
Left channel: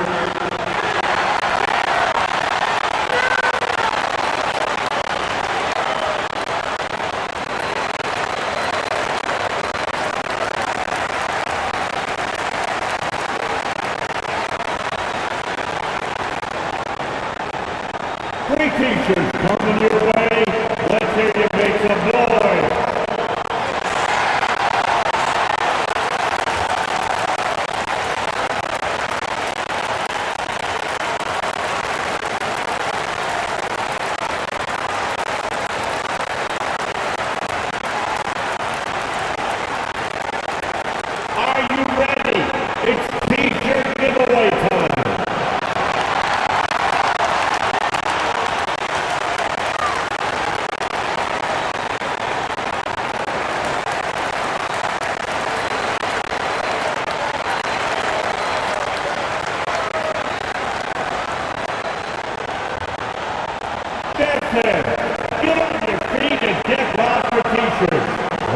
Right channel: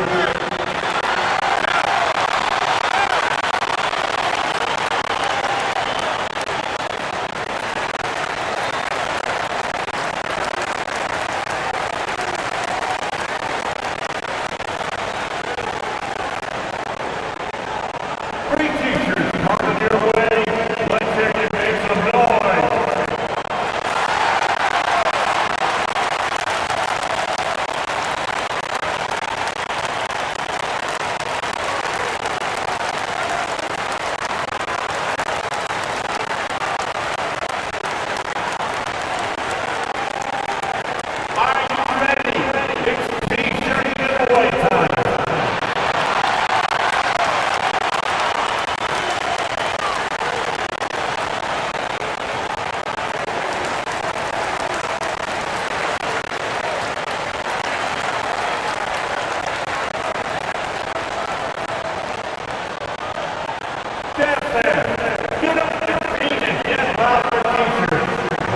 fans, get on your feet and get loud for t-shirts.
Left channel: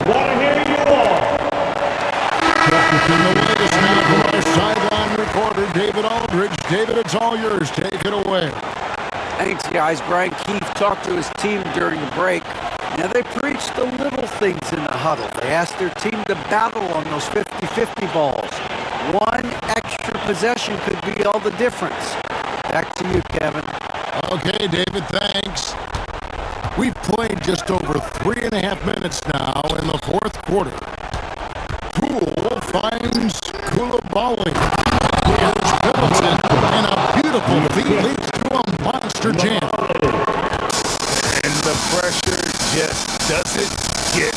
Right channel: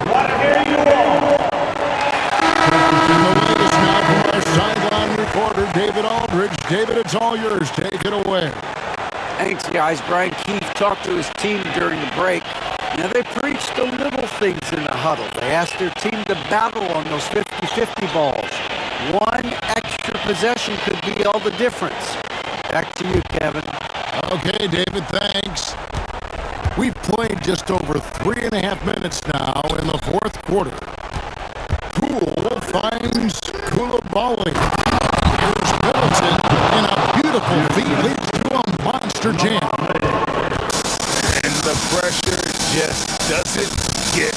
Want to hear you all. And the latest now from our sideline reporter, David Aldridge. David, it's all yours. Take it away. Thanks, guys. Brian Keefe talked to his team during the break. Now, they preached the little things in the huddle. They asked their team to battle on those 50-50 balls. One extra possession could be all the difference. Back to you, Kevin. Okay, David, thanks. We've played just over 3.5 minutes now in the fourth quarter. Poole finds Koulibaly. Here's Middleton, and a beautiful feed leads to a monster jam. And the pressure just doesn't get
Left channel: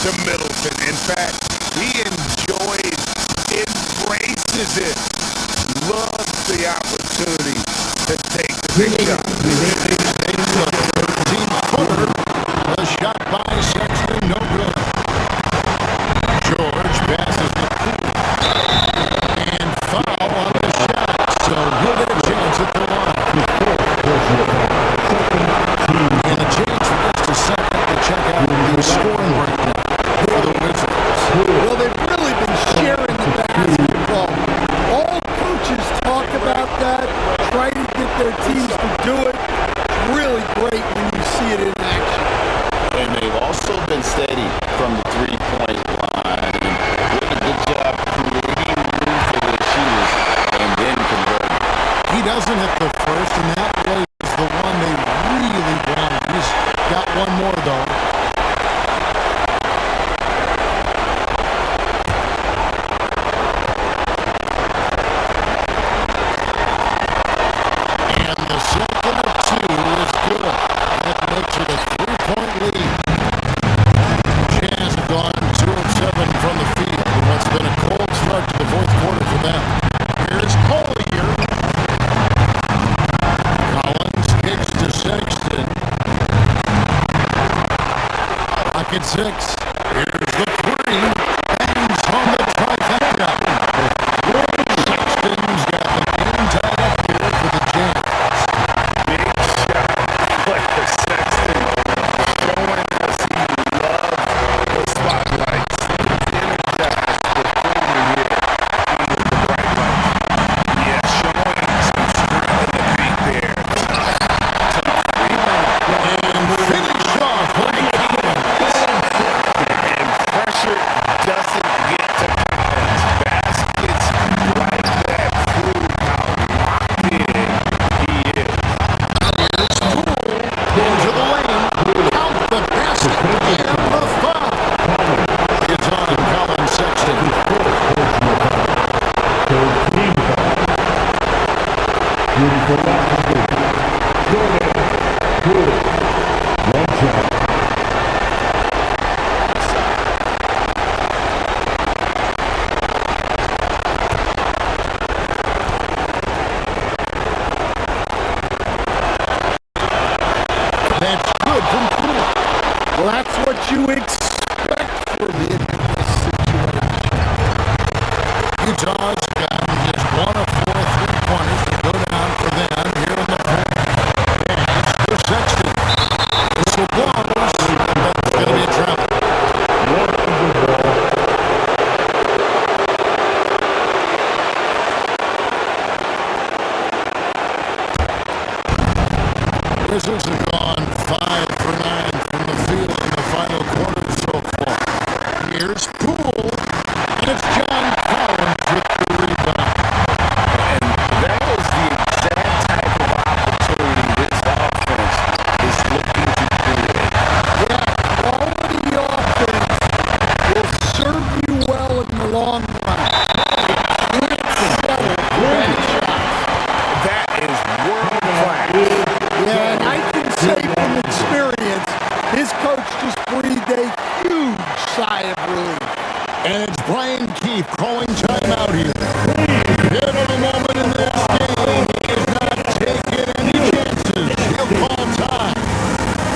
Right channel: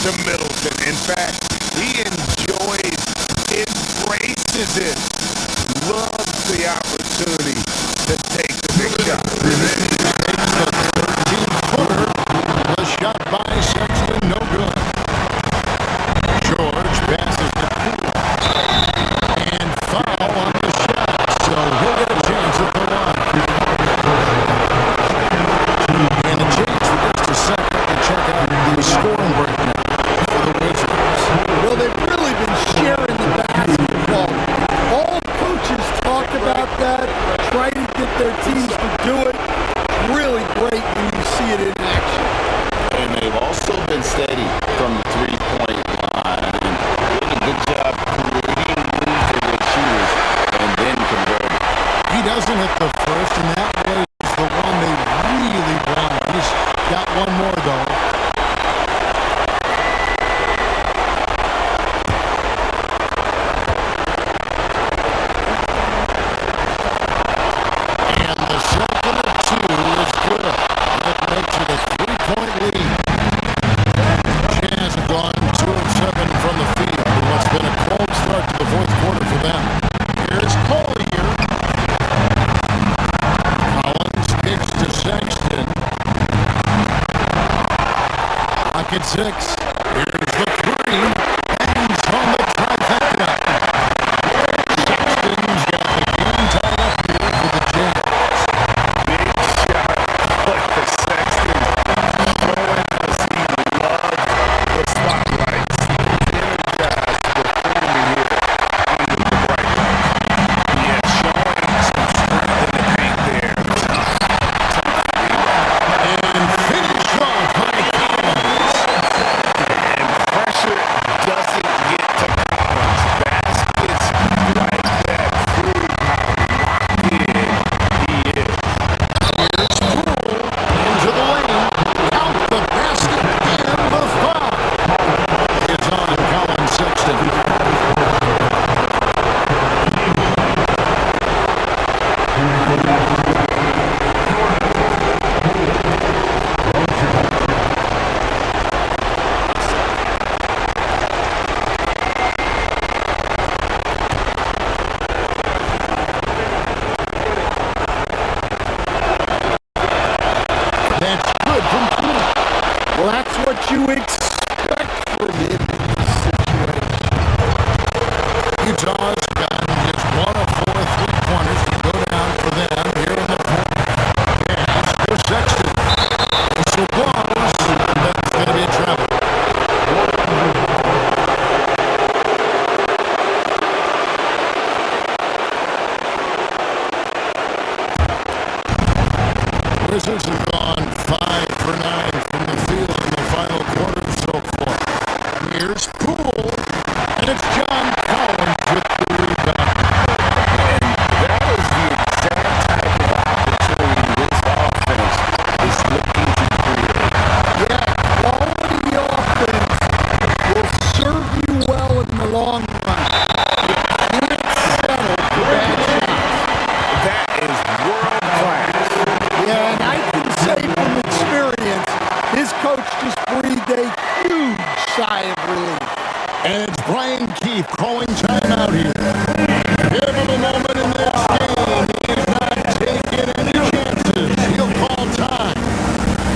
to Middleton. In fact, he enjoys, embraces it, loves the opportunity to take the big shot. Takes the 13-footer. The shot by Sexton, no good. George passes to Poole. And foul on the shot, so he'll get a chance at the line. And a chance for just a second to check out the scoring breakdown for the Wizards. Well, they've really been sharing the basketball. All coaches talk about that, try to get their teams to do it. It's really great when you see it in action. And they've also been steady from the three-point line and doing a good job creating room for their shooters and then converting. He doesn't hit the first, and that was the one they really wanted. He's got one more, though. And the second of two is good. That makes it a 3-point lead. Jazz have gone 2 of 7 from the field in what's been a cold start to the fourth quarter for them. Here's Collier. Collins kicks to Sexton. Pocket 6. Here's the 3. Bangs home the trifecta. Sexton's got the game tied up here for the Jazz. Big shot player Sexton showing us he loves the spotlights. He's energized performing here under the bright lights. Yeah, showing some strength in the paint there. Tough rebound. And finish off by Collins. And pressure doesn't get to Collins. Baskets like that prove how locked in he is. Here's Poole into the lane. Count the basket and the foul. It's on Colin Sexton. That's good from Poole. Well, that's what you expect from him in this situation. Utah's gotten just 1 of 4 3-pointers to go down for them here in the fourth. Pass to Sexton. Whistle blows, and that's going to be a travel. Wizards have gone 5 for 9 from the field in the final quarter so far. Here's Poole, and it's John Collins with the rebound. And that is the exact type of opportunity this offense is looking to create. Yeah, quality offense will serve you well in the long run. You can't settle for bad shots. That is world class. Yeah, and I can say from experience, his coach just breathed a huge sigh of relief. And it's Brian Keefe calling timeout here. Pivotal moment in this game. He's not taking any chances. He'll call time.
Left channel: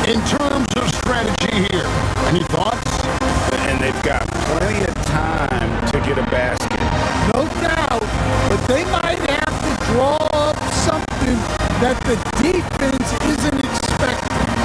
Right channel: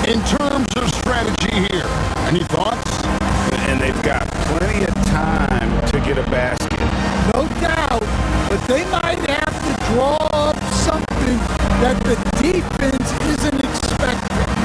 In terms of strategy here, any thoughts? And they've got plenty of time to get a basket. No doubt, but they might have to draw up something that the defense isn't expecting.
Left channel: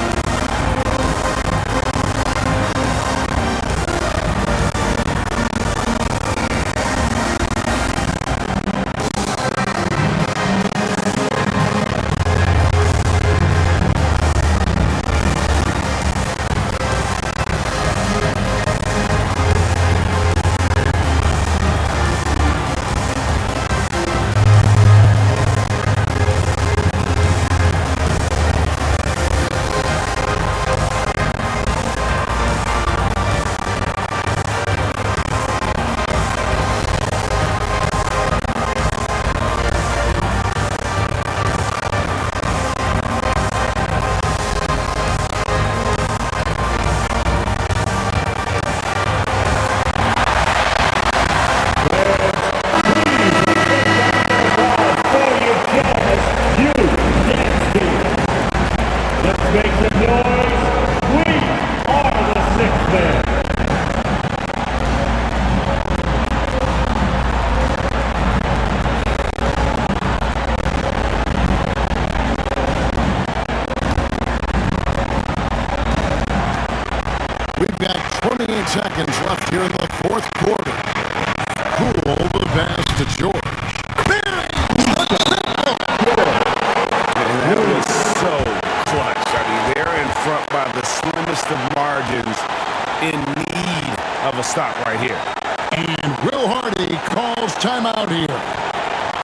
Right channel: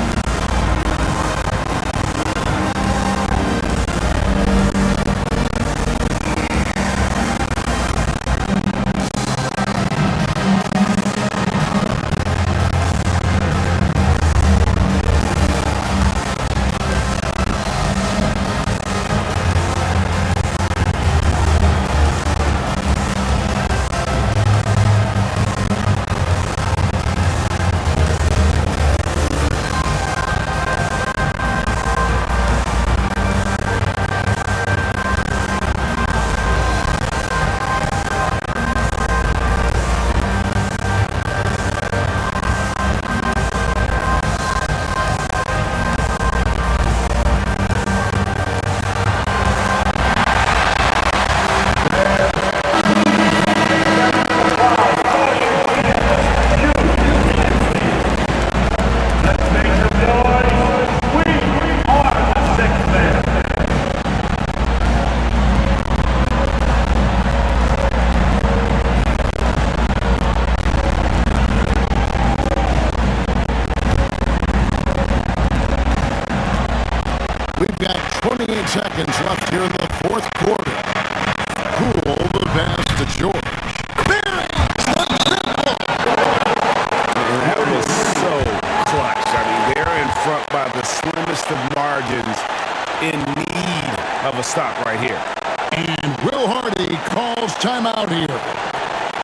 28 seconds left here in the fourth quarter. Cool the pass to George. Bangs the triple! And that was so clutch. I mean, they're in front by the slimmest of margins, in need of a stop right here. And Will Hardy calls timeout here.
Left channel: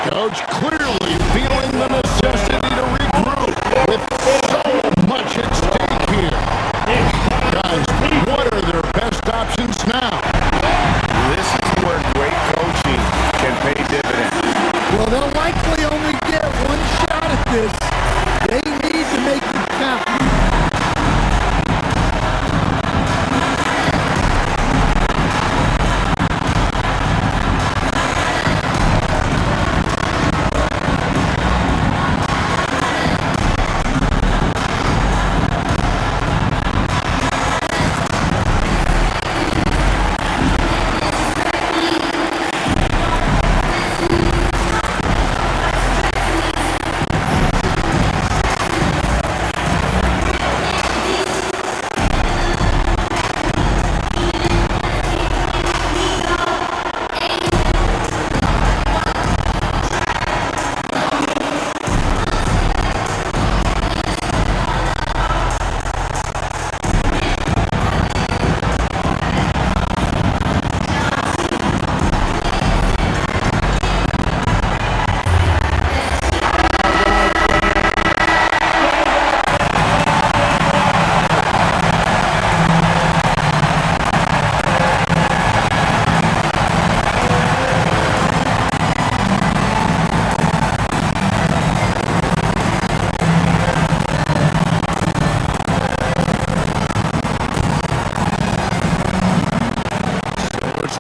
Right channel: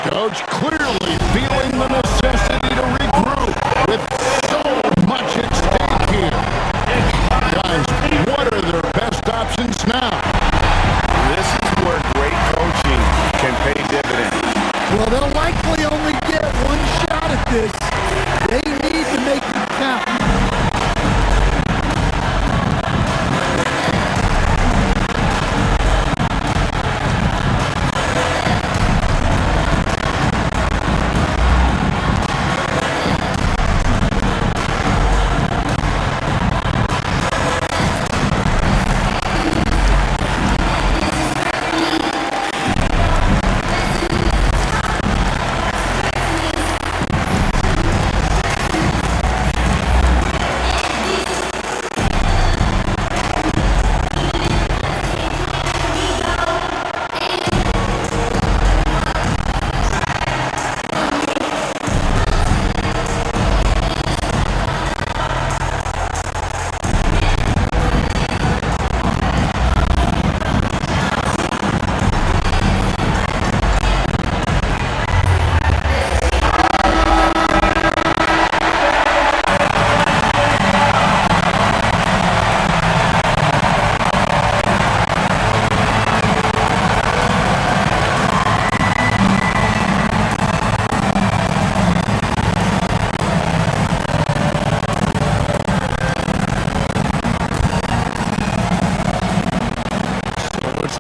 Coach clearly feeling the necessity to regroup with so much at stake here. Guys, what are their best options now? This is where great coaching can pay dividends. Well, they'll likely only get one shot at this. They need to make it count.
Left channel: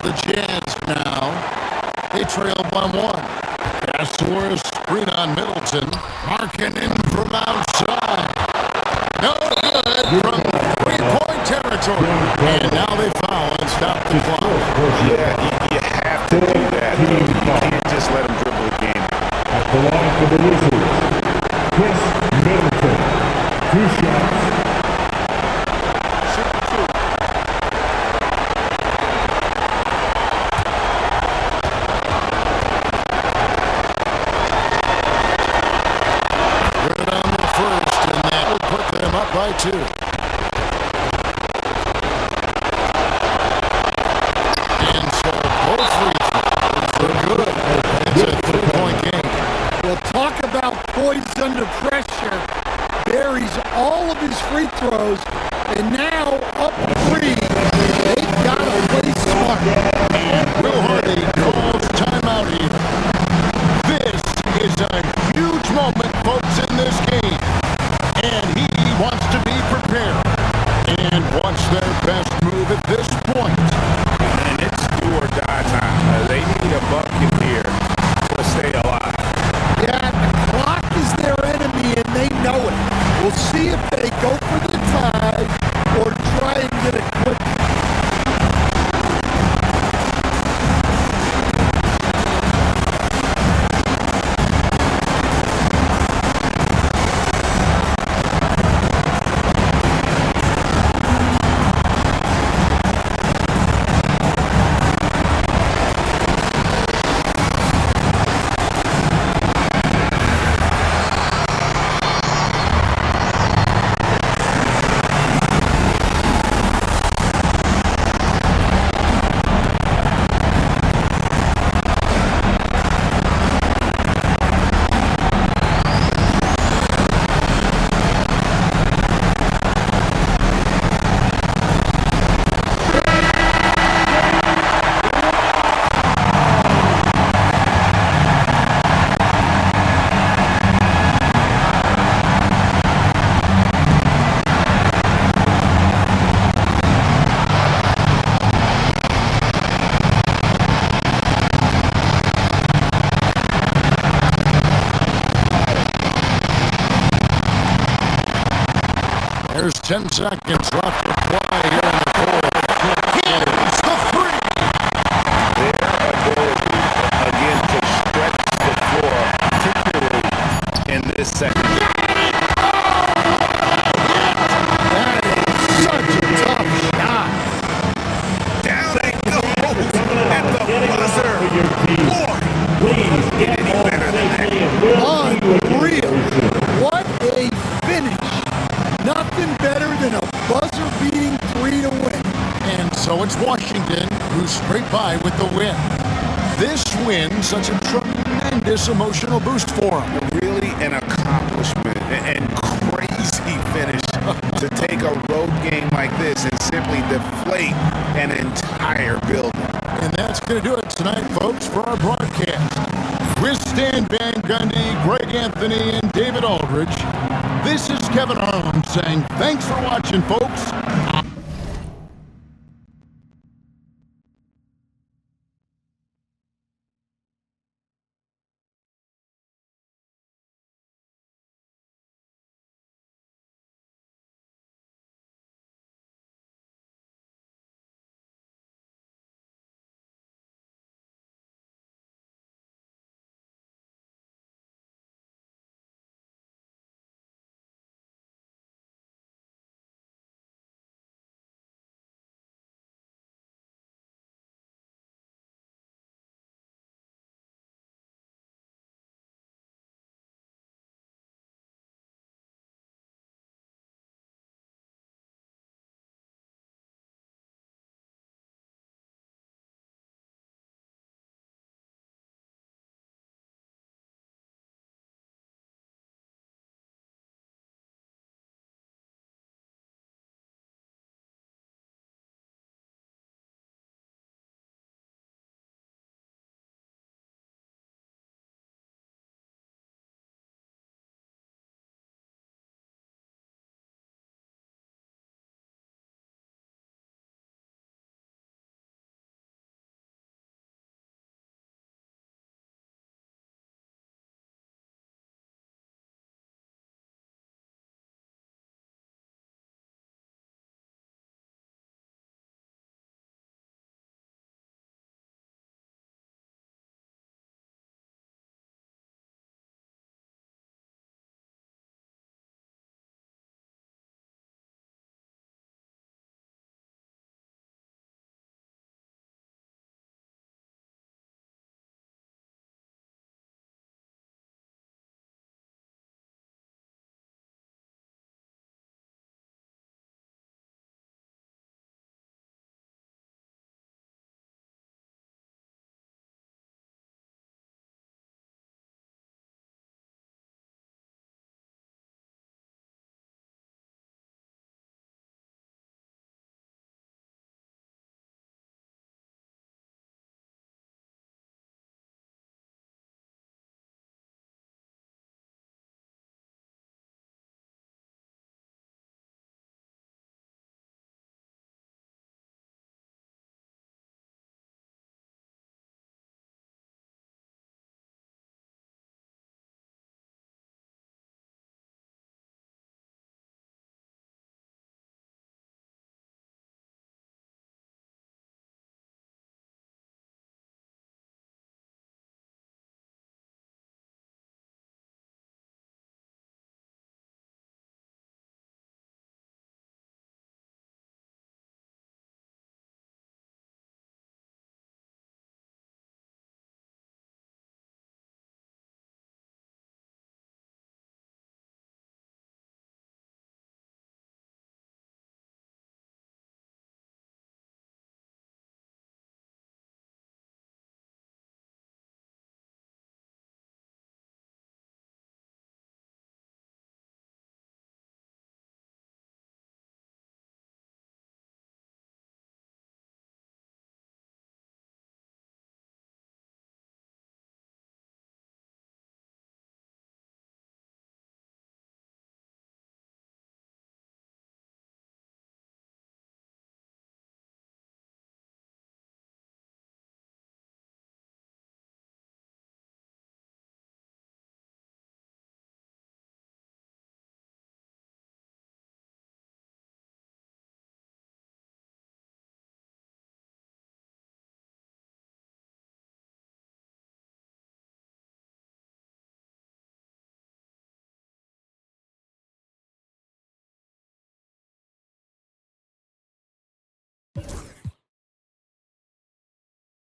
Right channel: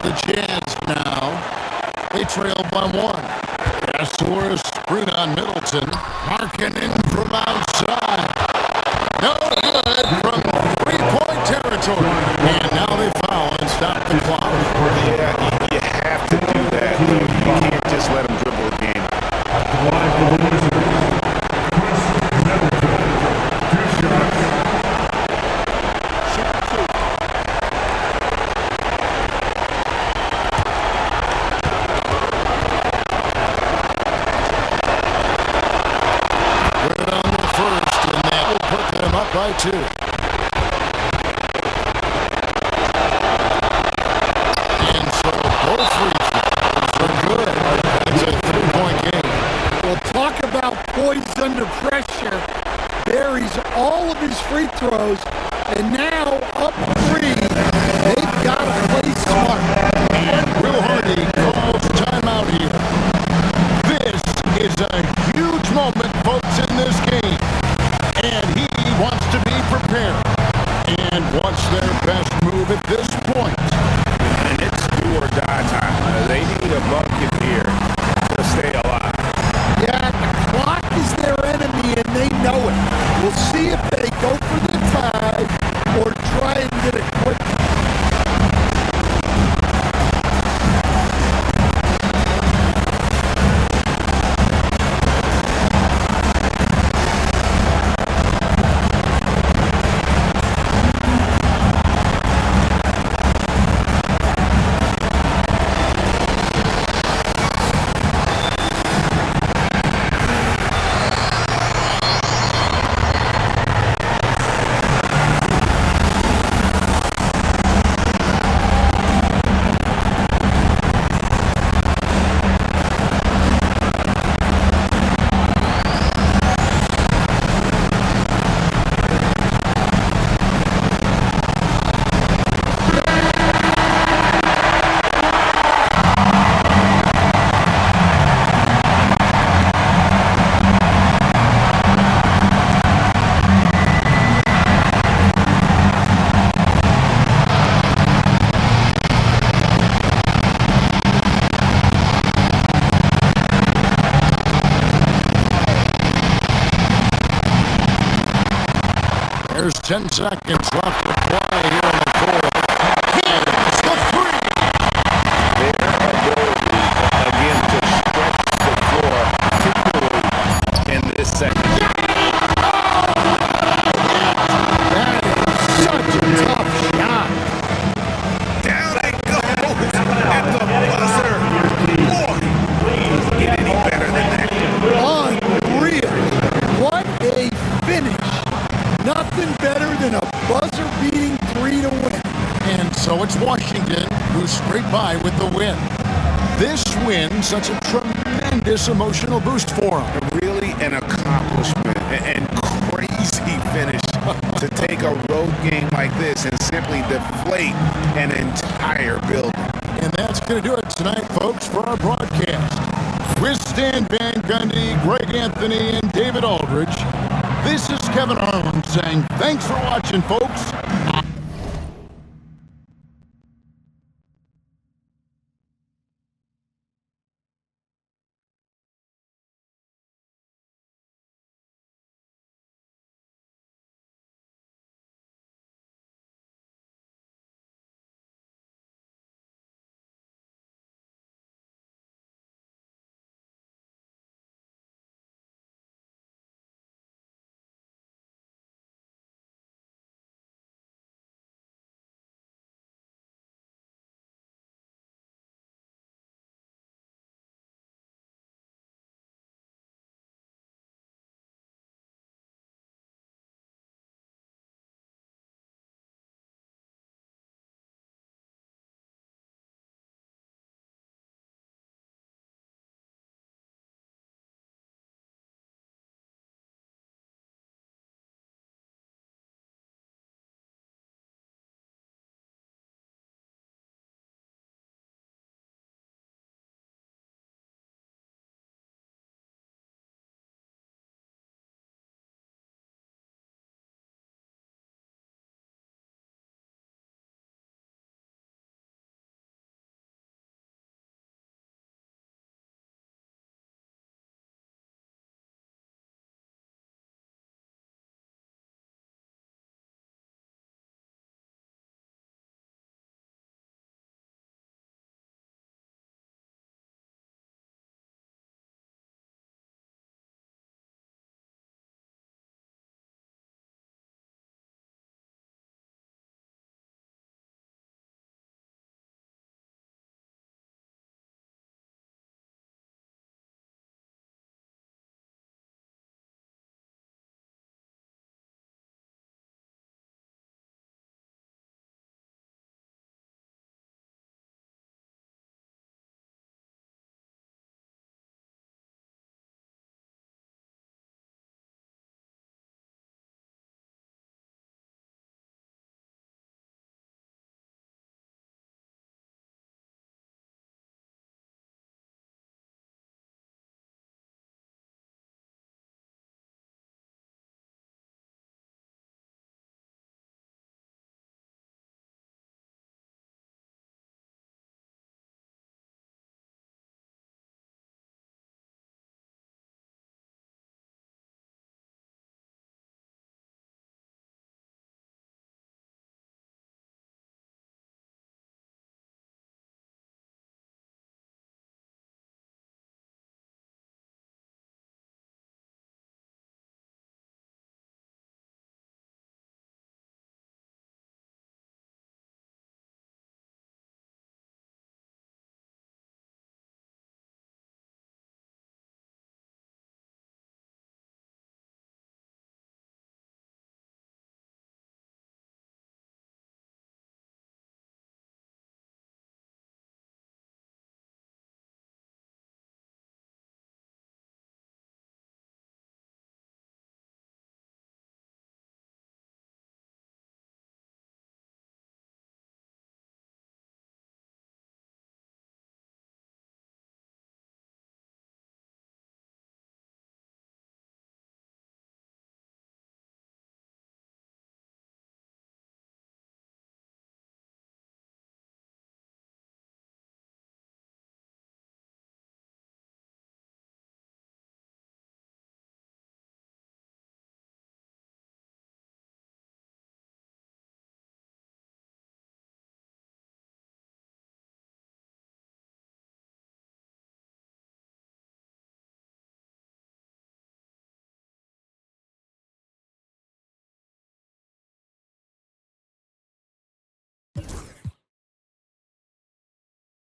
The Jazz now. They trail by one. Pass for a screen on Middleton. Marking in from outside. No good from three-point territory. And now they foul and stop the clock. Yeah, you have to do that, though. You can't just let them dribble the game. At the line for the Wizards, Chris Middleton. 2 shots. Shoot 2. Good on the first, and that will put them up by 2. And so both free throws are good. It's a 3-point game. Well, talk about poised under pressure. Buries all of his free throws, and now up 3. They've got to play smart. And Will Hardy calls timeout here. This is a huge moment, folks, in this game. And he wants to be prepared. And wants their best move at this point. And it's do or die time. They need a bucket here to stay alive. Yeah, the clock is their enemy, and they know it. We'll see if they go for the tie or try and get it quick. There's 10 seconds left to play here in the fourth. Hits the 3. Their ability, again, to stretch the floor, particularly in this second. That is such a tough shot. It's Washington who scraped by with the win. This win, such a tremendous emotional boost for them. Really an accomplishment and crazy finish to take a road game like this and simply deflate an entire building. And that's going to do it tonight, folks, for our broadcast. With Stan Van Gundy, Greg Anthony, and David Aldridge, this is Kevin Harlan saying thanks for watching, folks.